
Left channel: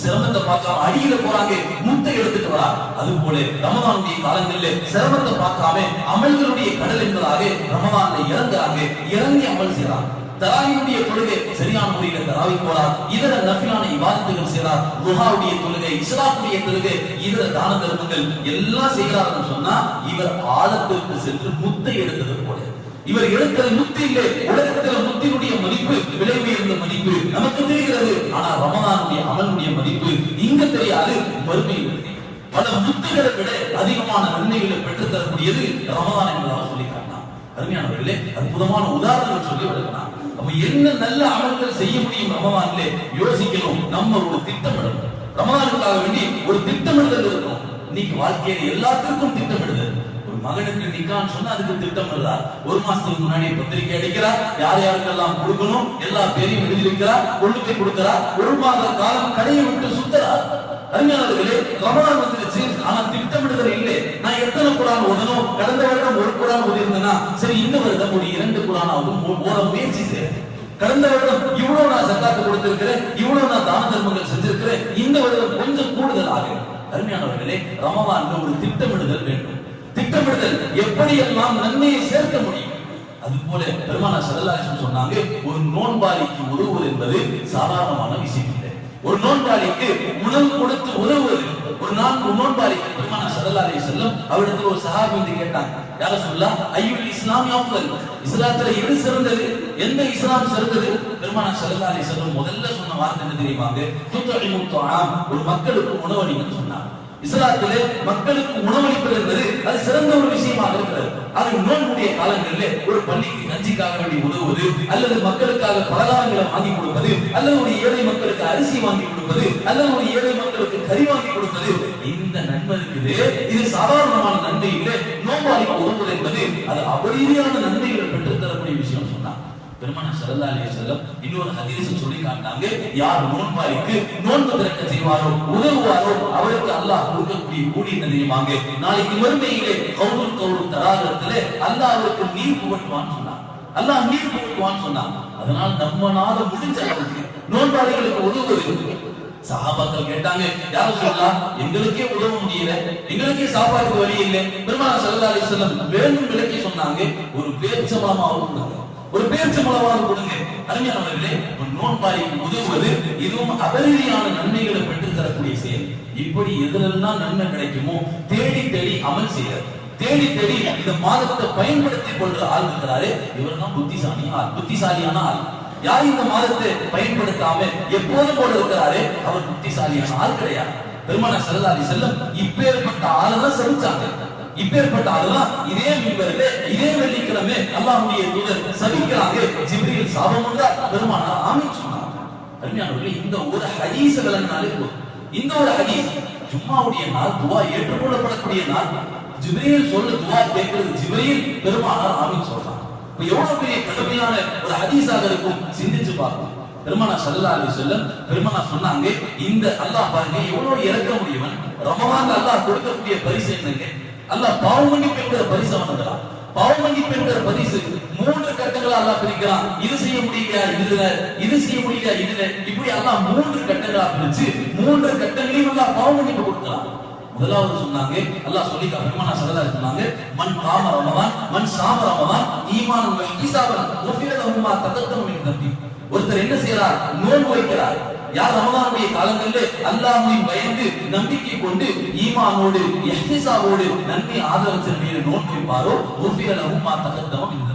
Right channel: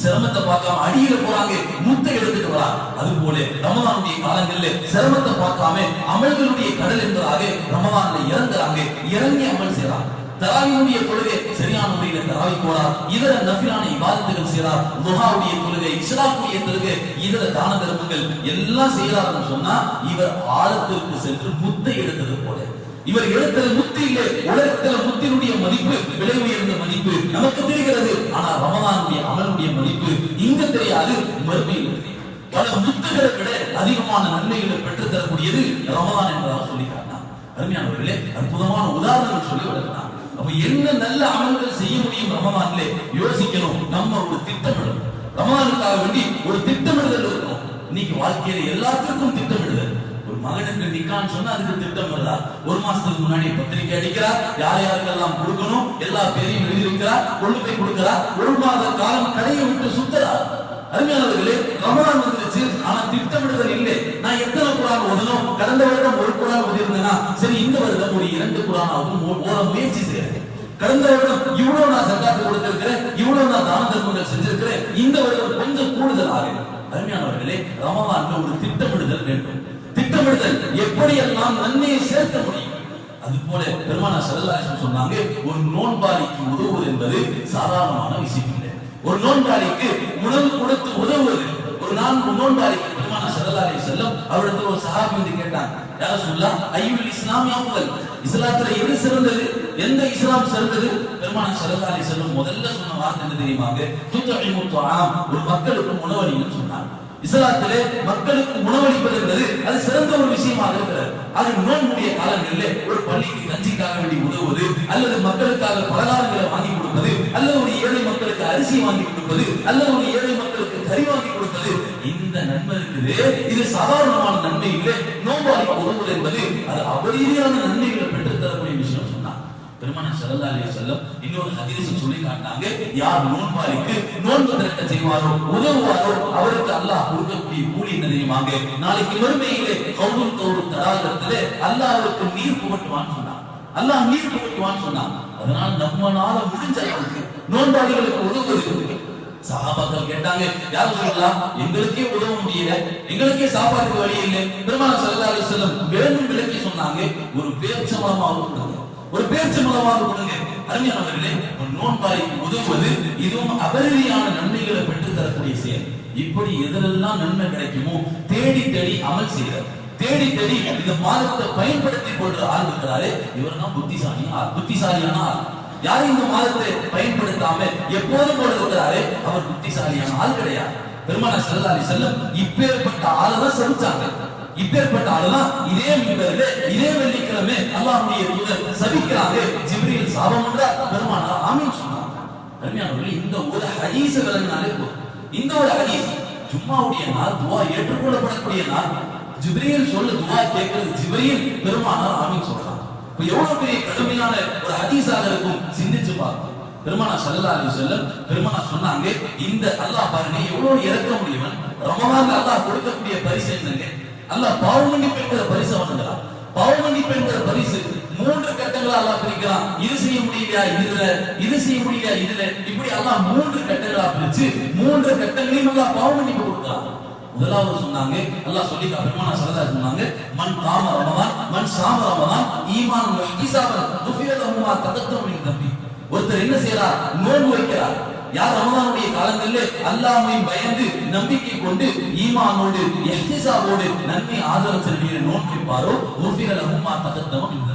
சிரமத்தை பார்க்காம அடியில போறாங்க முத்தை எடுத்துட்டு வரா. அது போல ரமதானுடைய காலங்களில் சிரமத்தை பார்க்காம அமல்களுடைய கடல் என்பதாக ரமதான்ல இறங்குறாங்க. இறங்கி அமல் செய்யறாங்க தராவியுடைய தொழுகை சரியான முறையில தராவி போறார் இதர நபிலான இவாதத்துகள் செய்றார் குஹாவுடைய தொழுகை இஸ்லாக்குடைய தொழுகை இதர தான தர்மங்கள் எல்லாம் செய்கிறார்னு சொன்னா இவர் ஆழத்திற்கு சென்று முத்தை எடுத்தது போல. இவர் எடுத்தது முத்து இல்லை உலகத்தில் முத்தினுடைய மதிப்பு விலை உயர்ந்த மதிப்பு நமக்கு தெரிகிறது. ஆனா ரமதானுடைய அமலுடைய மதிப்பு இங்க தெரியாது மறுமையில் பல முத்துகளை விட அதிகமான நன்மைகளை பெற்றுத் தரக்கூடியது ரமதான் என்பதாக சொல்லி காட்டினார் அருமையானவர்களே அற்புதமான உதாரணங்கள் சொல்லி வருகிறார் அப்ப என்ன நல்ல அமல்கள் செய்ய முடியும் ரமதான்ல யோசிக்கணும். நம்ம ஒரு திட்டமிடணும் ரமதானுக்காக வேண்டி ஒரு திட்டமிடுதல் இருக்கும். இன்னைக்கு வாழ்க்கையில எல்லாத்துக்கும் திட்டமிடுதல். ஒரு மகனுக்கு நிக்கான்னு சொன்னா அதுக்கு திட்டம் இருந்தா ஒரு மாசத்துக்கு முன்னாடி பத்திரிக்கை அடிக்கிறார் யார் யாருக்கெல்லாம் கொடுக்கணும் எல்லா பேரையும் எழுதியிருக்கிறார் கொண்டு போய் கொடுக்கிறார் ஒரு மாத காலம் கடையை விட்டு சுத்துறார் அருமையானவர்களே ரமலான் வந்துருச்சு. ஆனா திட்டமிடுதல் இல்லை. நான் எத்தனை குரான் ஓதணும்? கடந்த வருடம் ஒரு குரான் ஓதிருந்தேனா சரி இந்த வருடம் ஒரு இரண்டு குரானாவது ஓத முயற்சி செய்யறேன். கடந்த வருடம் இவ்வளவு நான் சக்காத்து கொடுத்திருக்கிறேன் இவ்வளவு நான் தான தர்மங்கள் செஞ்சிருக்கிறேன் இந்த வருடம் கொஞ்சம் கூடுதல் ஆகும் அருமையானவர்களே ரமவான்ல ஒரு திட்டமிடுதல் வேண்டும். திட்டமிடுதல் எப்படியெல்லாம் நன்மையை சேர்க்க முடியும்? அது போல பெருமானா சரலாசன் சொன்னாங்க ஒரு நோன்பாளிக்கு உதவுவது என்பது சாதாரணமான விஷயம் இல்லை ஒரு நோன்பாளிக்கு உணவு கொடுத்து உதவுவது ஒரு நாள் நோன்பாளிக்கு பெருமான சல்லல்லாஹு செல்லம் அவரிடத்தில் ஒரு சகாபி வந்து கேட்டாங்க யார சொல்லலாம் ஐயுல் இஸ்லாமி ஆஃபல் இஸ்லாத்துல எது சிறந்தது? எந்த இஸ்லாம் சிறந்தது? பெருமான சல்லல்லாஹு செல்லம் முதல்ல சொன்ன வார்த்தை என்ன தெரியுமாங்க? துத்தஇமு ஒரு மக்களுக்கு உணவளிங்கன்னு சொன்னாங்க. இஸ்லாத்திலே மக்களுக்கு உணவளிப்பது என்பது அது சிறந்த ஒரு விஷயமாக இருக்கிறது. அது நோன்புடைய காலங்களிலே ஒரு பள்ளிக்கு கஞ்சிக்காக வேண்டி உதவுவது அல்லது மக்களுக்காக பலகாரங்களை வாங்கி கொடுப்பது அல்லது ஒரு ஏழை மக்களுக்கு அரிசி வாங்கி கொடுப்பது அல்லது ஒரு ஏழை மக்களுக்கு கறி வாங்கி கொடுப்பது இந்த நன்மை இருக்குது இது சாதாரணமான நன்மை இல்லை நோம்பாளிக்கு உதவுவது என்பது அது அபரீதியான நன்மைகளை பெற்றுத் தரக்கூடிய விஷயம் சொன்னார் பெருமான சரதாலய செல்லம் இன்னொரு ஹதீஸ் சொல்லி காட்டாங்க யார் நோன்பாளிக்கு நோன்பு திறக்க செய்வாரோ உதவுவாரோ அவருக்கு அல்லாஹ் கொடுக்கக்கூடிய கூலி என்ன தெரியுமாங்க நாளைக்கு வறுமையிலே கவுல் கவுல் தடாகத்திலே அல்லாஹ் அவருக்கு நீர் புகட்டுவான்னு சொன்னான். அல்லாஹ் நீர் புகட்டுவான்னு சொன்னான். அதனால நம்மளால முடிஞ்ச அளவுக்கு நோன்பாளிகளுக்கு உதவுவது சகாபாக்கள் கேட்டாங்க யாரும் சொல்லலாம் எங்களுக்கே உதவ முடியல எங்களுக்கே சாப்பாட்டுக்கு வழி இல்லை. பெருமான சல்லா அலி செல்லம் வேணும் விலைக்கு சொன்னாங்க ஒரு பேர்ச்சம்பளமாவது கொடுங்க. ஒரு பேச்சு பேர்ச்சம்பளமாவது கொடுங்க அருமையானவர்களே நோன்பாய் உதவுவது இதுவும் அபரீதியான நன்மைகளை பெற்று தரக்கூடிய செயல். இப்படி எதிலெல்லாம் நன்மை கிடைக்குமோ தேடி தேடி அமல் செய்யறது தேடி தேடி இந்த மாதத்தை பயன்படுத்தி கொள்ற ஆள் இருக்கிறாரு இவர் தான் புத்திசாலி ஆள் புத்திசாலியான ஆள். யார் இந்த மாதத்தை பயன்படுத்தாம எப்போதும் போல இருக்கிறாரு அவர் புத்திசாலியான ஆள் கிடையாது. பெருமான செல்லாலி செல்லம் இப்பேற்பட்ட ஆளை தான் சபிச்சாங்க. இப்பேற்பட்ட அல்லா இதே மின்பரிலே இதே வெள்ளிக்கிழமை அல்லாஹுடைய தூதர் சபிக்கிறாங்க. ஜிப்ரியில் சாபம் என்றார் பெருமானா ஆமீன் சொன்னாங்க அருமையானவர்களே இந்த ஒரு ஹதீஸ் விளங்கினாலே போதும். இந்த ஒரு ஹதீஸ் ஜும்மாவுடைய நாள் துவா ஏற்றுக்கொள்ளப்படக்கூடிய நாள். ஜிப்ரியில் சொல்ல துவா கேட்கிறது. ஜிப்ரியில் பெருமானார் ஆமீன் சொல்றார் இப்ப எவ்வளவு பெரிய கடுமையான ஒரு ஹதீஸாக இருக்கும்? சிந்திச்சு பார்ப்போம். பெருமானா சல்லா அலி செல்லம் பெருமானா சொன்னாங்க இந்த அல்லாஹ் பாருங்க எவ்வளவு இறக்க முடியவன் ரமலான் அல்லாஹ் கொடுக்கக்கூடிய பரிசு என்னங்க? அல்லாஹ் பாவ மன்னிப்பு என்கிற பரிசு அவனுங்கிறான் பாவ மன்னிப்பு என்கிற பரிசு மூன்று கட்டங்களா அல்லாஹ் பிரிக்கலாம் இது செய்ய முடியலையா இதுல? இது செய்ய முடியலையா இதுல? இப்படி அல்லாஹ் மூன்று கட்டங்களா பிரிச்சு மூன்று கட்டங்களையும் அல்லாஹ் பாவ மன்னிப்பு கொடுக்கிறான். முதலாவது சொன்னாங்க அல்லாஹ் சொல்லி பெருமானா சரதா சொன்னாங்க மண் காம ரமதான் மண் சாம ரமதான் ஈமான் நோய் குஃபிர லஹுமா தகத்தம் தம்பி. ஒருத்தர் என்ன செய்யறார்? நோன்பு வைக்கிறார். யார் ரமதானுடைய காலங்களில் அல்லாஹ்வின் பயந்து நம்பிக்கை கொண்டு ஈமானோடு இஹ்திசாபோடு நன்மை ஆதரவு செல்வியை நோக்கிப்பாரோ வைப்பாரோ? குஃபிர லஹுமா தகத்தம் மின்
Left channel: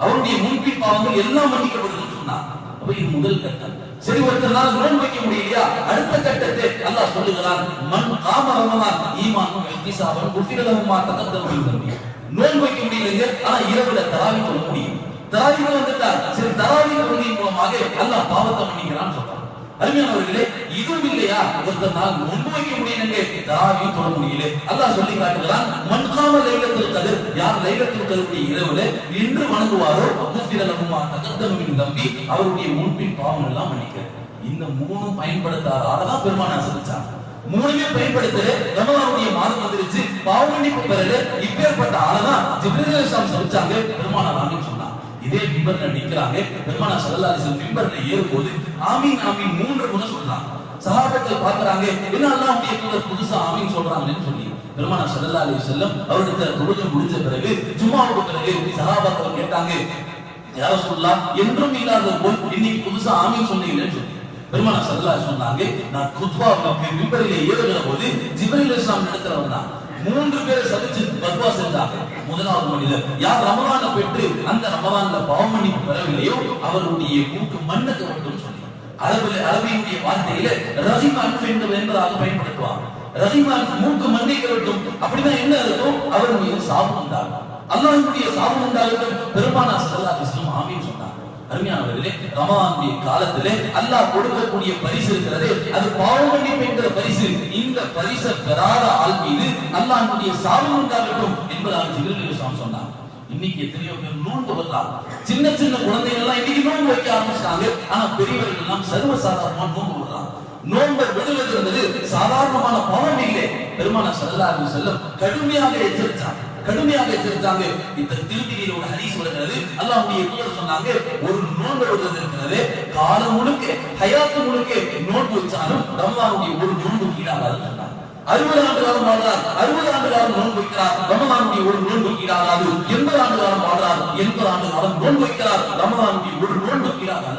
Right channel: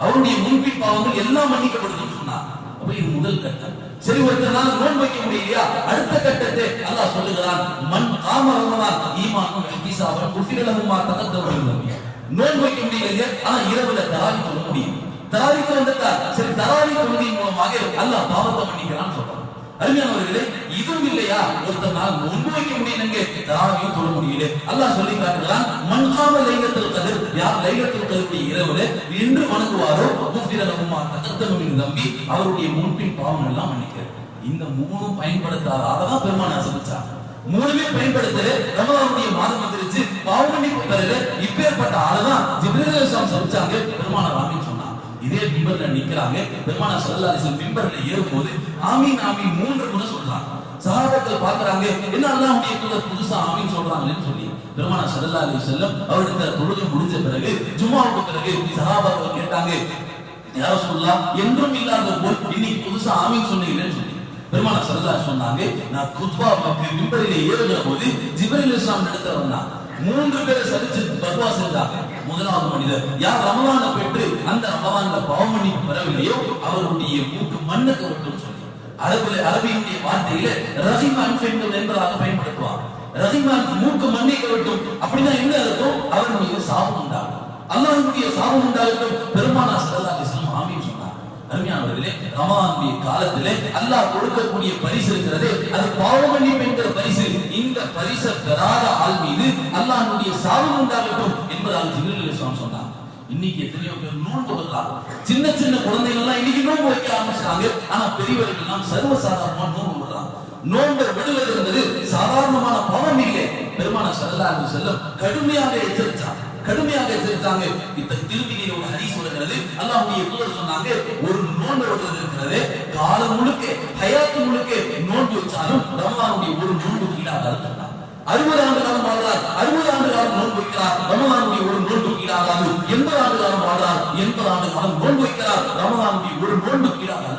அவருடைய முன்பின் பாவங்கள் எல்லாம் மன்னிக்கப்படுதுன்னு சொன்னார். அப்ப இது முதல் கட்டம். சரி ஒருத்தனால நோன் வைக்க முடியலையா? அடுத்த கட்டத்தை அல்லாஹ் சொல்லுகிறான் மண் காம ரமலான் ஈமானும் இஹ்திசாபன் குஃபிரலஹுமா தகத்தம் நம்பி நோன் வைக்க முடியலைங்க ஆனா இரவுல தராவி சொல்ல முடியும். தராவிக்கு வந்துட்டார் சரி தராவி தொழுகையின் மூலமாக அல்லாஹ் பாவத்தை மன்னிக்கிறான்னு சொல்றான் அருமையானவர்களே இதுவும் இல்லையா? ஒருத்தனால் நொன்பு வைக்க முடியலங்க தாவி தொழ முடியல அல்லாஹ் சொல்லி காட்டுகிறான் மன்காம லைலத்தில் கதிர் யார் லைலத்தில் கதிருடைய இரவுல என்று வணங்குவாரோ குஃபிரலஹுமா தகத்தம் தம்பி அவருடைய முன்பின் பாவம் எல்லாம் மன்னிக்கிறேன் இந்த மூணும் பயன்படுத்தாத ஆளதான் பெருமான் ஆசபிச்சாங்க மூணுமே பயன்படுத்தல ரமலானுடைய மாதம் வந்துருச்சு. பாவ மன்னிப்பு பெறல இப்பேற்பட்ட ஆளதான் ஜிப்ரீல் சொல்லிச்சாங்க பெருமான ராமின்னு இதே மிம்பர்ல நிக்கிறாங்க பெருமான சல்லா அலிசன் மிம்பர்ல ஏறும்போது ஆமீன் ஆமீன் மூன்று முறை சொல்றாங்க. சகாபாக்கள் பாக்குறாங்க என்ன அல்லாஹ்வுடைய தூதர் புதுசா ஆமீன் சொல்றாங்கன்னு சொல்லி. பெருமான சல்லா அலி செல்லம் அவருடைய தொழுகை முடிஞ்ச பிறகு ஜும்மாவுக்கு பிறகு சகாபாக்கள் கேட்டாங்க யார சொல்லலாம் என்றும் இல்லாத போல் இன்னைக்கு புதுசா ஆமீன் சொன்னீங்கன்னு சொல்லி. பெருமான சல்லா சொன்னாங்க நான் குத்பாவுக்கு மிம்பரிலே ஏறுகிற போது ஜிபரில் இஸ்லாம் இடத்துல வந்தான். மூன்று பேரை சதிச்சு பத்வா செஞ்சாங்க முதலாவது மனிதர். யார் ரமவான பெற்று அந்த ரமவான பாவமணி மன்னிப்பு பெறவில்லையோ அவருடைய மூக்கு மண்ணுக்கு மட்டும் சொல்லி. அரபில் அரபியுடைய வார்த்தையில ரஹிம் அன்ஃபென்டு என்பதாக பயன்படுத்துவார் ரஹிம் மூக்கு மண்ணை கவட்டும் அப்படின்னா என்ன இருக்கும் அவர் மீது சாபம் உண்டாகும். அல்லாஹுடைய சாபம் உண்டாகட்டும். பெருமானா சல்லா அலைஹி ஆமீன் அருமையானவர்களே ரமலானுடைய காலத்திலே அல்லாஹ் கொடுக்கக்கூடிய பரிசு இருக்கிறதே அது பாவ மன்னிப்பு பரிசு. இந்த பரிசை பெறாத ஆள் மீது அல்லாஹ்வுடைய சாபம் உண்டாகட்டும் என்பதாக ஜிபிரில் இஸ்லாம் சொன்னாங்க. இன்னைக்கு எத்தனையோ பேர் நோன்பு வரலாம் சின்ன சின்ன குழந்தைகள் எல்லாம் இன்னைக்கு நோன்பு வைக்க ஆரம்பிச்சாங்க ஆனா பெரியவர்கள் எல்லாம் சர்வ சாதாரணமா நோன்பு விடுறாங்க நோன்பை விடுவது என்பது சாதாரணமான பாவம் இல்லை. பெருமான செல்லாரு செல்லும் கடுமையாக எச்சரித்தாங்க கடுமையாக எச்சரித்தாங்க இந்த திருமதியில் ஒரு ஹரி சொல்லுகிறது அல்லாஹுடைய தூதர் சொன்னாங்க ஒரு நோன்பு விடுறது இருக்கிறது காலம் முழுக்க ஹயாத்து முழுக்க நோன்பு வச்சாலும் ரமலானுடைய ஒரு நோன்பு கீழாகாதுன்னு சொன்னாங்க. அறுபது ஆண்டு காலம் வாழ்றார். அறுபது ஆண்டு காலம் நோன்பு வைக்கிறார். ரமலானுடைய ஒரு நோன்பு கீழாகாது எண்பது ஆண்டு காலம் வாழ்றார். எண்பது ஆண்டு காலம் நோன்பு வைக்கிறார். ரமலானுடைய ஒரு நோன்பு கீழாகாதுன்னு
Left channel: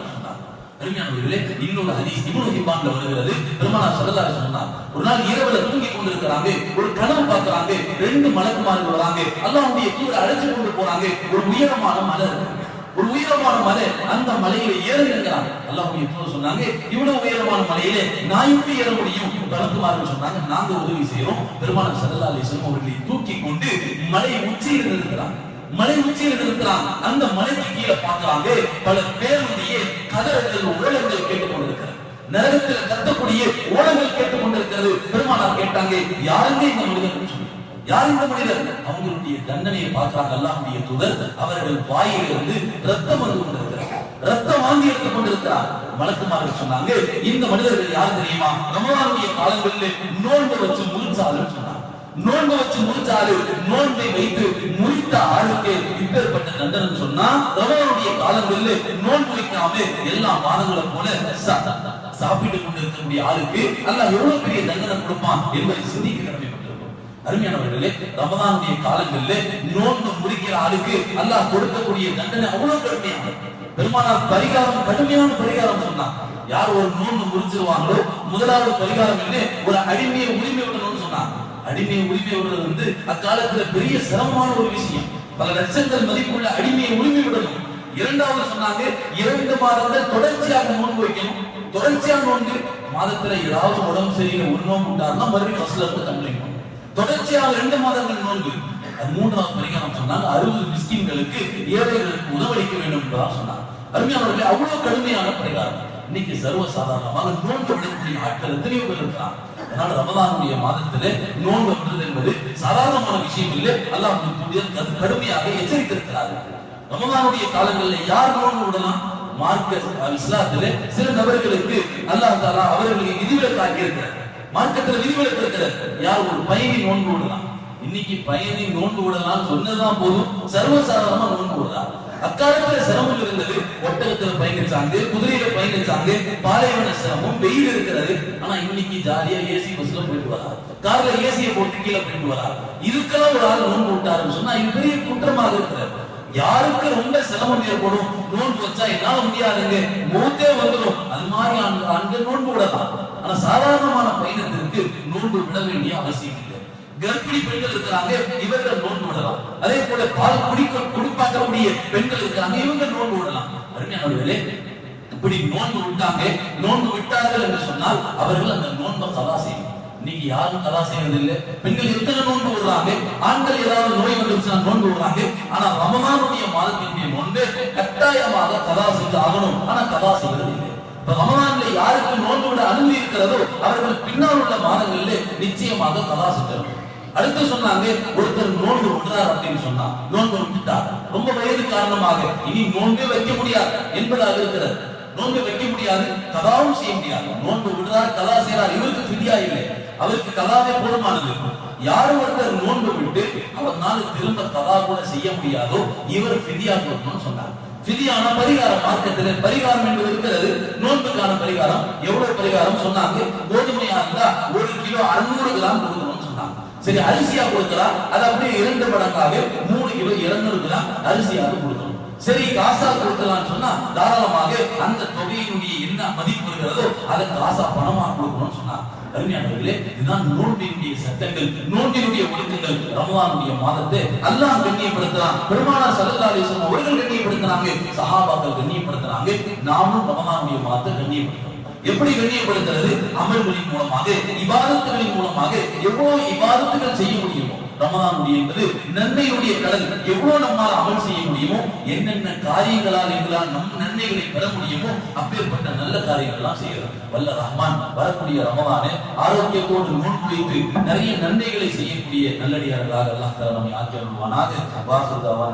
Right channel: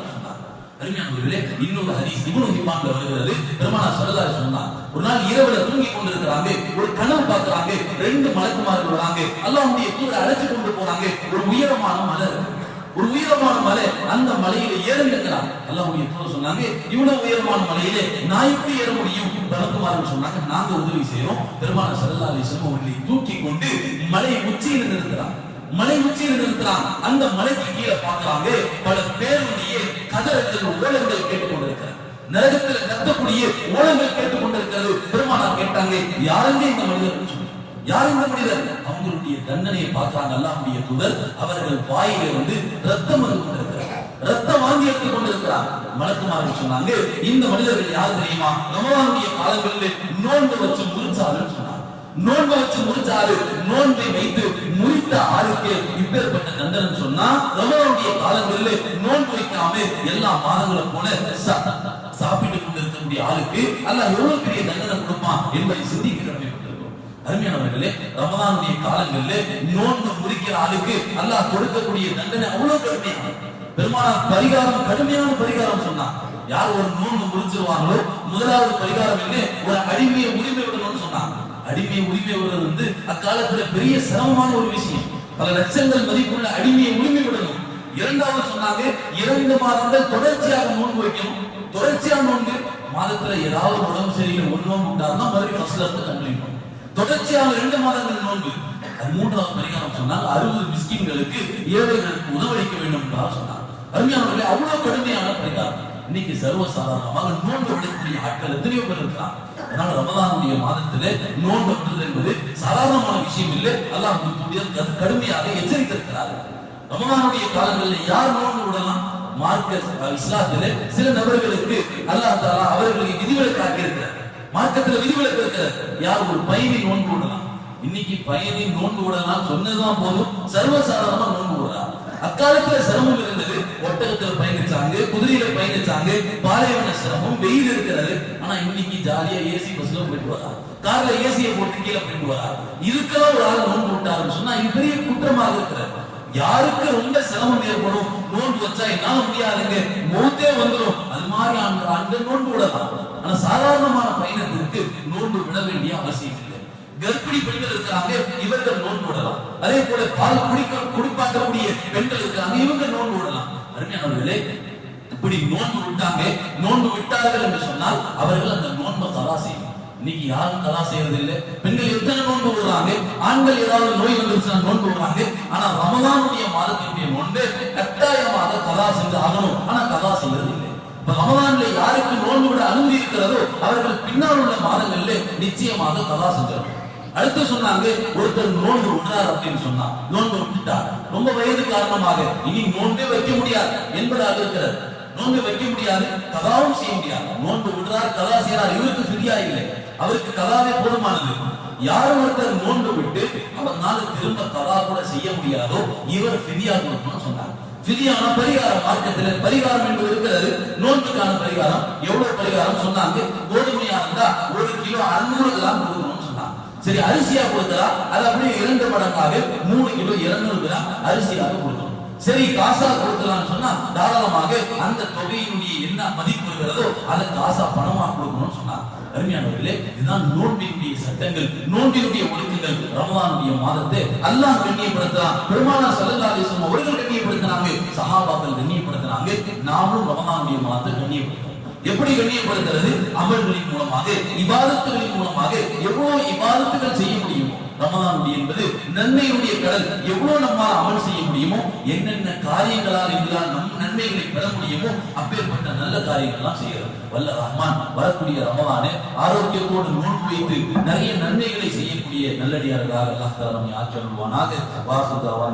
அருமையானவர்களே இன்னொரு ஹதீஸ் இவ்வளவு ஹிப்பான்ல வருகிறது. பெருமானா ஸல்லல்லாஹு அலைஹி சொன்னார் ஒரு நாள் இரவுல தூங்கி கொண்டிருக்கிறாங்க ஒரு கனவு பாக்குறாங்க ரெண்டு மலக்குமார்கள் வராங்க அல்லாஹ்வுடைய கூட அழைச்சு கொண்டு போறாங்க ஒரு உயரமான மலை ஒரு உயரமான மலை அந்த மலையில ஏறுங்கிறாங்க அல்லாஹ்வுடைய கூட சொன்னாங்க இவ்வளவு உயரமான மலையிலே நான் எப்படி ஏற முடியும்? மலக்குமார்கள் சொன்னாங்க நாங்க உதவி செய்யறோம் பெருமானா சல்லா அலைஹி அவர்களை தூக்கி கொண்டு மலை உச்சியில் நிறுத்துறாங்க. மலை உச்சியில் நிறுத்துறாங்க அந்த மலைக்கு கீழே பார்க்கிறாங்க. பல பேருடைய கதறங்கள் ஓலங்கள் கேட்டுக் கொண்டிருக்கிறார் நரகத்தில் கத்தக்கூடிய ஓலங்கள் கேட்டுக் கொண்டிருக்கிறது பெருமானார் கேட்டாங்க யாருங்க இந்த மனிதன் யார் இந்த மனிதர்? அவங்களுடைய தண்டனையை பார்க்கிறாங்க. அல்லாஹுடைய தூதர் அவர்கள் வாயிலிருந்து ரத்தம் வந்து கொண்டிருக்கிறார். ரத்தம் வாங்கி எடுத்துக் கொண்டிருக்கிறார். மலக்குமார்கள் சொன்னாங்க இந்த மனிதர்கள் யார் தெரியுமா? ரமலானுடைய காலங்களில் நோன்பு வச்சு முறிச்சாலும் சொன்னாங்க. நோன்பு வச்சு முறிச்சாரு நோன்பை வைத்து முடித்த ஆளுக்கு இப்பேற்பட்ட தண்டனை சொன்னா ரமலானுடைய காலங்களில் நோன்பு வைக்காம எல்லா மாதங்களும் போல ச- சாப்பிட்டு கொண்டிருக்கக்கூடிய ஆளுக்கு அல்ல எவ்வளவு பெரிய தண்டனை கொடுப்பான் என்பதை சிந்திக்க கடமைப்பட்டிருக்கும் அருமையானவர்களே ரமதானுடைய காலங்களில் நோன்பு முடிக்கிற ஆளுக்கு அல்லாஹ் கொடுக்கக்கூடிய தண்டனை அவ்வளவு கடுமையான பெருமானார் பரிகாரம் கடுமையான பரிகாரம் சொன்னான் யார் ஒரு நோன்பு முடிச்சிருவாங்களோ முதலாவது பரிகாரம் என்ன? ஒரு அடிமையை உரிமை விடணும்னு சொன்னாங்க அடிமையை உரிமை விடுறது வந்து அக்காலத்துல பெரிய சிரமமான ஒரு விஷயம். பல லட்சங்கள் மதிப்புள்ள அடிமையை உரிமை விடணும். இரண்டாவது சொன்னாங்க இரண்டு மாதங்கள் தொடர்ச்சியாக நோன்பு வைக்கணும். தொடர்ச்சியாக நோன்பு. மாதத்துல ஏதாவது உடம்பு சரியில்லை உண்மம் நோன்பு உண்டாருன்னா மறுபடியும் ஃபர்ஸ்ட்ல இருந்து கம்ப்ளைண்ட் தொடர்ச்சியாக ரெண்டு மாதங்கள் நோன்பு. அது மூன்றாவது பரிகாரம் சொன்னாங்க அறுபது மிஸ்கின்களுக்கு ஏழைகளுக்கு உணவளிக்க வேண்டும் என்றால் சொன்னார் அருமையானவர்களே அவ்வளவு கடுமையான பரிகாரம். இன்னைக்கு சர்வசாதாரணமாக நோன்பு விடக்கூடிய ஆட்கள் எத்தனையோ பேர் இருக்கலாம் அதனால ரமதானுடைய மாதத்திலே நோன்பு விடுறது என்பது சாதாரணமான விஷயம் இல்லை அல்லாஹ் கடுமையாக எச்சரித்திருக்கிறார்கள். ரமதானுடைய காலங்களில் யார் நோன்பு விடலாம்? மார்க்க இஸ்லாத்திலே சில நபர்களுக்கு அல்லாஹ் தாலா அவர்களுக்கு விதிவிலக்கு ஆக்கியிருக்கிறார் மார்க்கத்துல விதிவிலக்கு இருக்கிறார். யார் ஒரு பயணி நோன்பு விடலாம்? இன்னைக்கு பயணி நோன்பு விடலாம் சொன்னதான் போதும். சர்வசாதாரணமா நோன்பு விடலாம். அக்காலத்துல சிரமம் இருந்தது. ஒட்டகத்துல பயணிச்சாங்க குதிரையில பயணிச்சாங்க பாலைவன சிரமம் வெயில் இருக்கிறது. ஆனா இன்னைக்கு ஜாலியா ஏசி பஸ்ல போயிட்டு வரா. கார்ல ஏசியை போட்டு கீழே போயிட்டு வரா. இதுக்கெல்லாம் ஒரு ஆள் நோன்பு விட்டாருன்னு சொன்னா இது பெரிய குற்றமாக இருக்கிறது யாருக்கு ரொம்ப சிரமம் ஏற்படும்? நோன்பு வச்சா என்னால முடியாதுங்க. மூத்தே வந்துடும் அது மாதிரி ஆண்கள் ஆண்கள் நோன்பு விடலாம் ஆனா சாதாரணமான பயணத்திற்கு நோன்பு விட வேண்டிய அவசியம் இல்லை. கர்ப்பிணி பெண்கள் இருக்கிறாங்க இவர்கள் நோன்பு விடலாம் அதே போல பால் குடிக்க குடிப்பாக்கக்கூடிய பெண்கள் இருக்கிறாங்க இவங்க நோன்பு விடலாம் அருமையானவர்களே இப்படி நோன்பு விட்டாங்க. நோன்பு விட்டார்கள் என்று சொன்னால் அவர்கள் அந்த நோன்பை கலா செய்யும் இன்னைக்கு யாரும் கலா செய்யறது இல்லை பெண்கள் எத்தனை நோன்பு விடுறாங்க ஆண்கள் ஏதாவது நோய் வந்துருச்சுன்னா நோன்பு விடுறாங்க ஆனா ரமலானுடைய மாதத்தினுடைய நோன்பு கட்டாயமாக கலா செஞ்சு ஆகணும். ஆனா கலா செய்யறது இல்லை இப்ப ரமலான்ல யாருக்கு நோன்பு விட அனுமதி இருக்கிறதோ அவர்கள் பின்னால் உள்ள மாதங்களில் நிச்சயமாக கலா செஞ்சிருக்கும் அடுத்து சொன்னாங்க ஒருத்தர் நோன்பு விடுறார் அப்படின்னு சொன்னா. நோன்பு விட்டுட்டார் ரொம்ப வயது காரணமாக இனி நோன்பே வைக்க முடியாது என்பதாக இருக்கிறது. நோன்பு வைக்க முடியாது கதாவும் செய்ய முடியாது. நோன்பு விடுறார் கதா செய்யறார் இவருக்கு ஃபிதியா இல்லை. அவருக்கு கதாவே போதுமானது. யார் ஒருத்தர் நோன்பு விட்டு அவர்னால திரும்ப கதா கூட செய்ய முடியாதோ இவர் ஃபிதியா கொடுக்கணும்னு சொன்னாங்க. ஃபிதியான பரிகாரம் மார்க்கத்தில் பரிகாரம் என்பது இருக்கிறது. நோன்புக்கான பரிகாரம் எவ்வளவு பரிகாரம் சொன்னாங்க? கோதுமையா இருந்தா ஒரு கிலோ அறுநூறு கிராம் கொடுக்கணும். சரி அரிசியா கொடுக்கலாம். அது அப்படியே இரண்டு மடங்காக மூணு கிலோ இருநூறு கிராம் அரிசியாக கொடுக்கணும். சரி காசா கொடுக்கலாம்னு சொன்னா தாராளமாக அந்த தொகையினுடைய என்ன மதிப்பு இருக்கிறதோ அதை காசா பணமா கொடுக்கணும்னு சொன்னா அருமையானவர்களே இதுதான் நோன்பினுடைய சட்டங்கள் நோன்பினுடைய ஒழுக்கங்கள். ரமதானுடைய மாதத்தை அல்லாஹ் கண்ணியப்படுத்துறான். பெருமானார் ஸல்லல்லாஹு அலைஹி அவர்கள் கண்ணியப்படுத்துறாங்க சஹாபாக்கள் கண்ணியப்படுத்துறாங்க நாமும் ரமதானுடைய மாதத்தை கண்ணியப்படுத்துறோம் எப்படி கண்ணியப்படுத்துறது அமல்களின் மூலமாக இபாதத்துகளின் மூலமாக எவ்வளவு இபாதத்துகள் செய்ய முடியுமோ? ரமதானுடைய என்பது நன்மையுடைய கடல். எவ்வளவு நம்மால் அமல் செய்ய முடியுமோ? என்னென்ன காரியங்களால் எங்களால் நம் நன்மைகளை பெற முடியுமோ? அப்பேற்பட்ட நல்ல காரியங்கள்லாம் செய்யறது. வல்ல ரஹ்மான் வரக்கூடிய ரமலானை ஆரோக்கியத்தோடு நோன் வைத்து நிறைய நன்மைகளை செய்யக்கூடிய நல்லடியார்களாக அல்லாஹ் தஆலா நம்மை ஆக்கி வருவானாக வாசுதாவான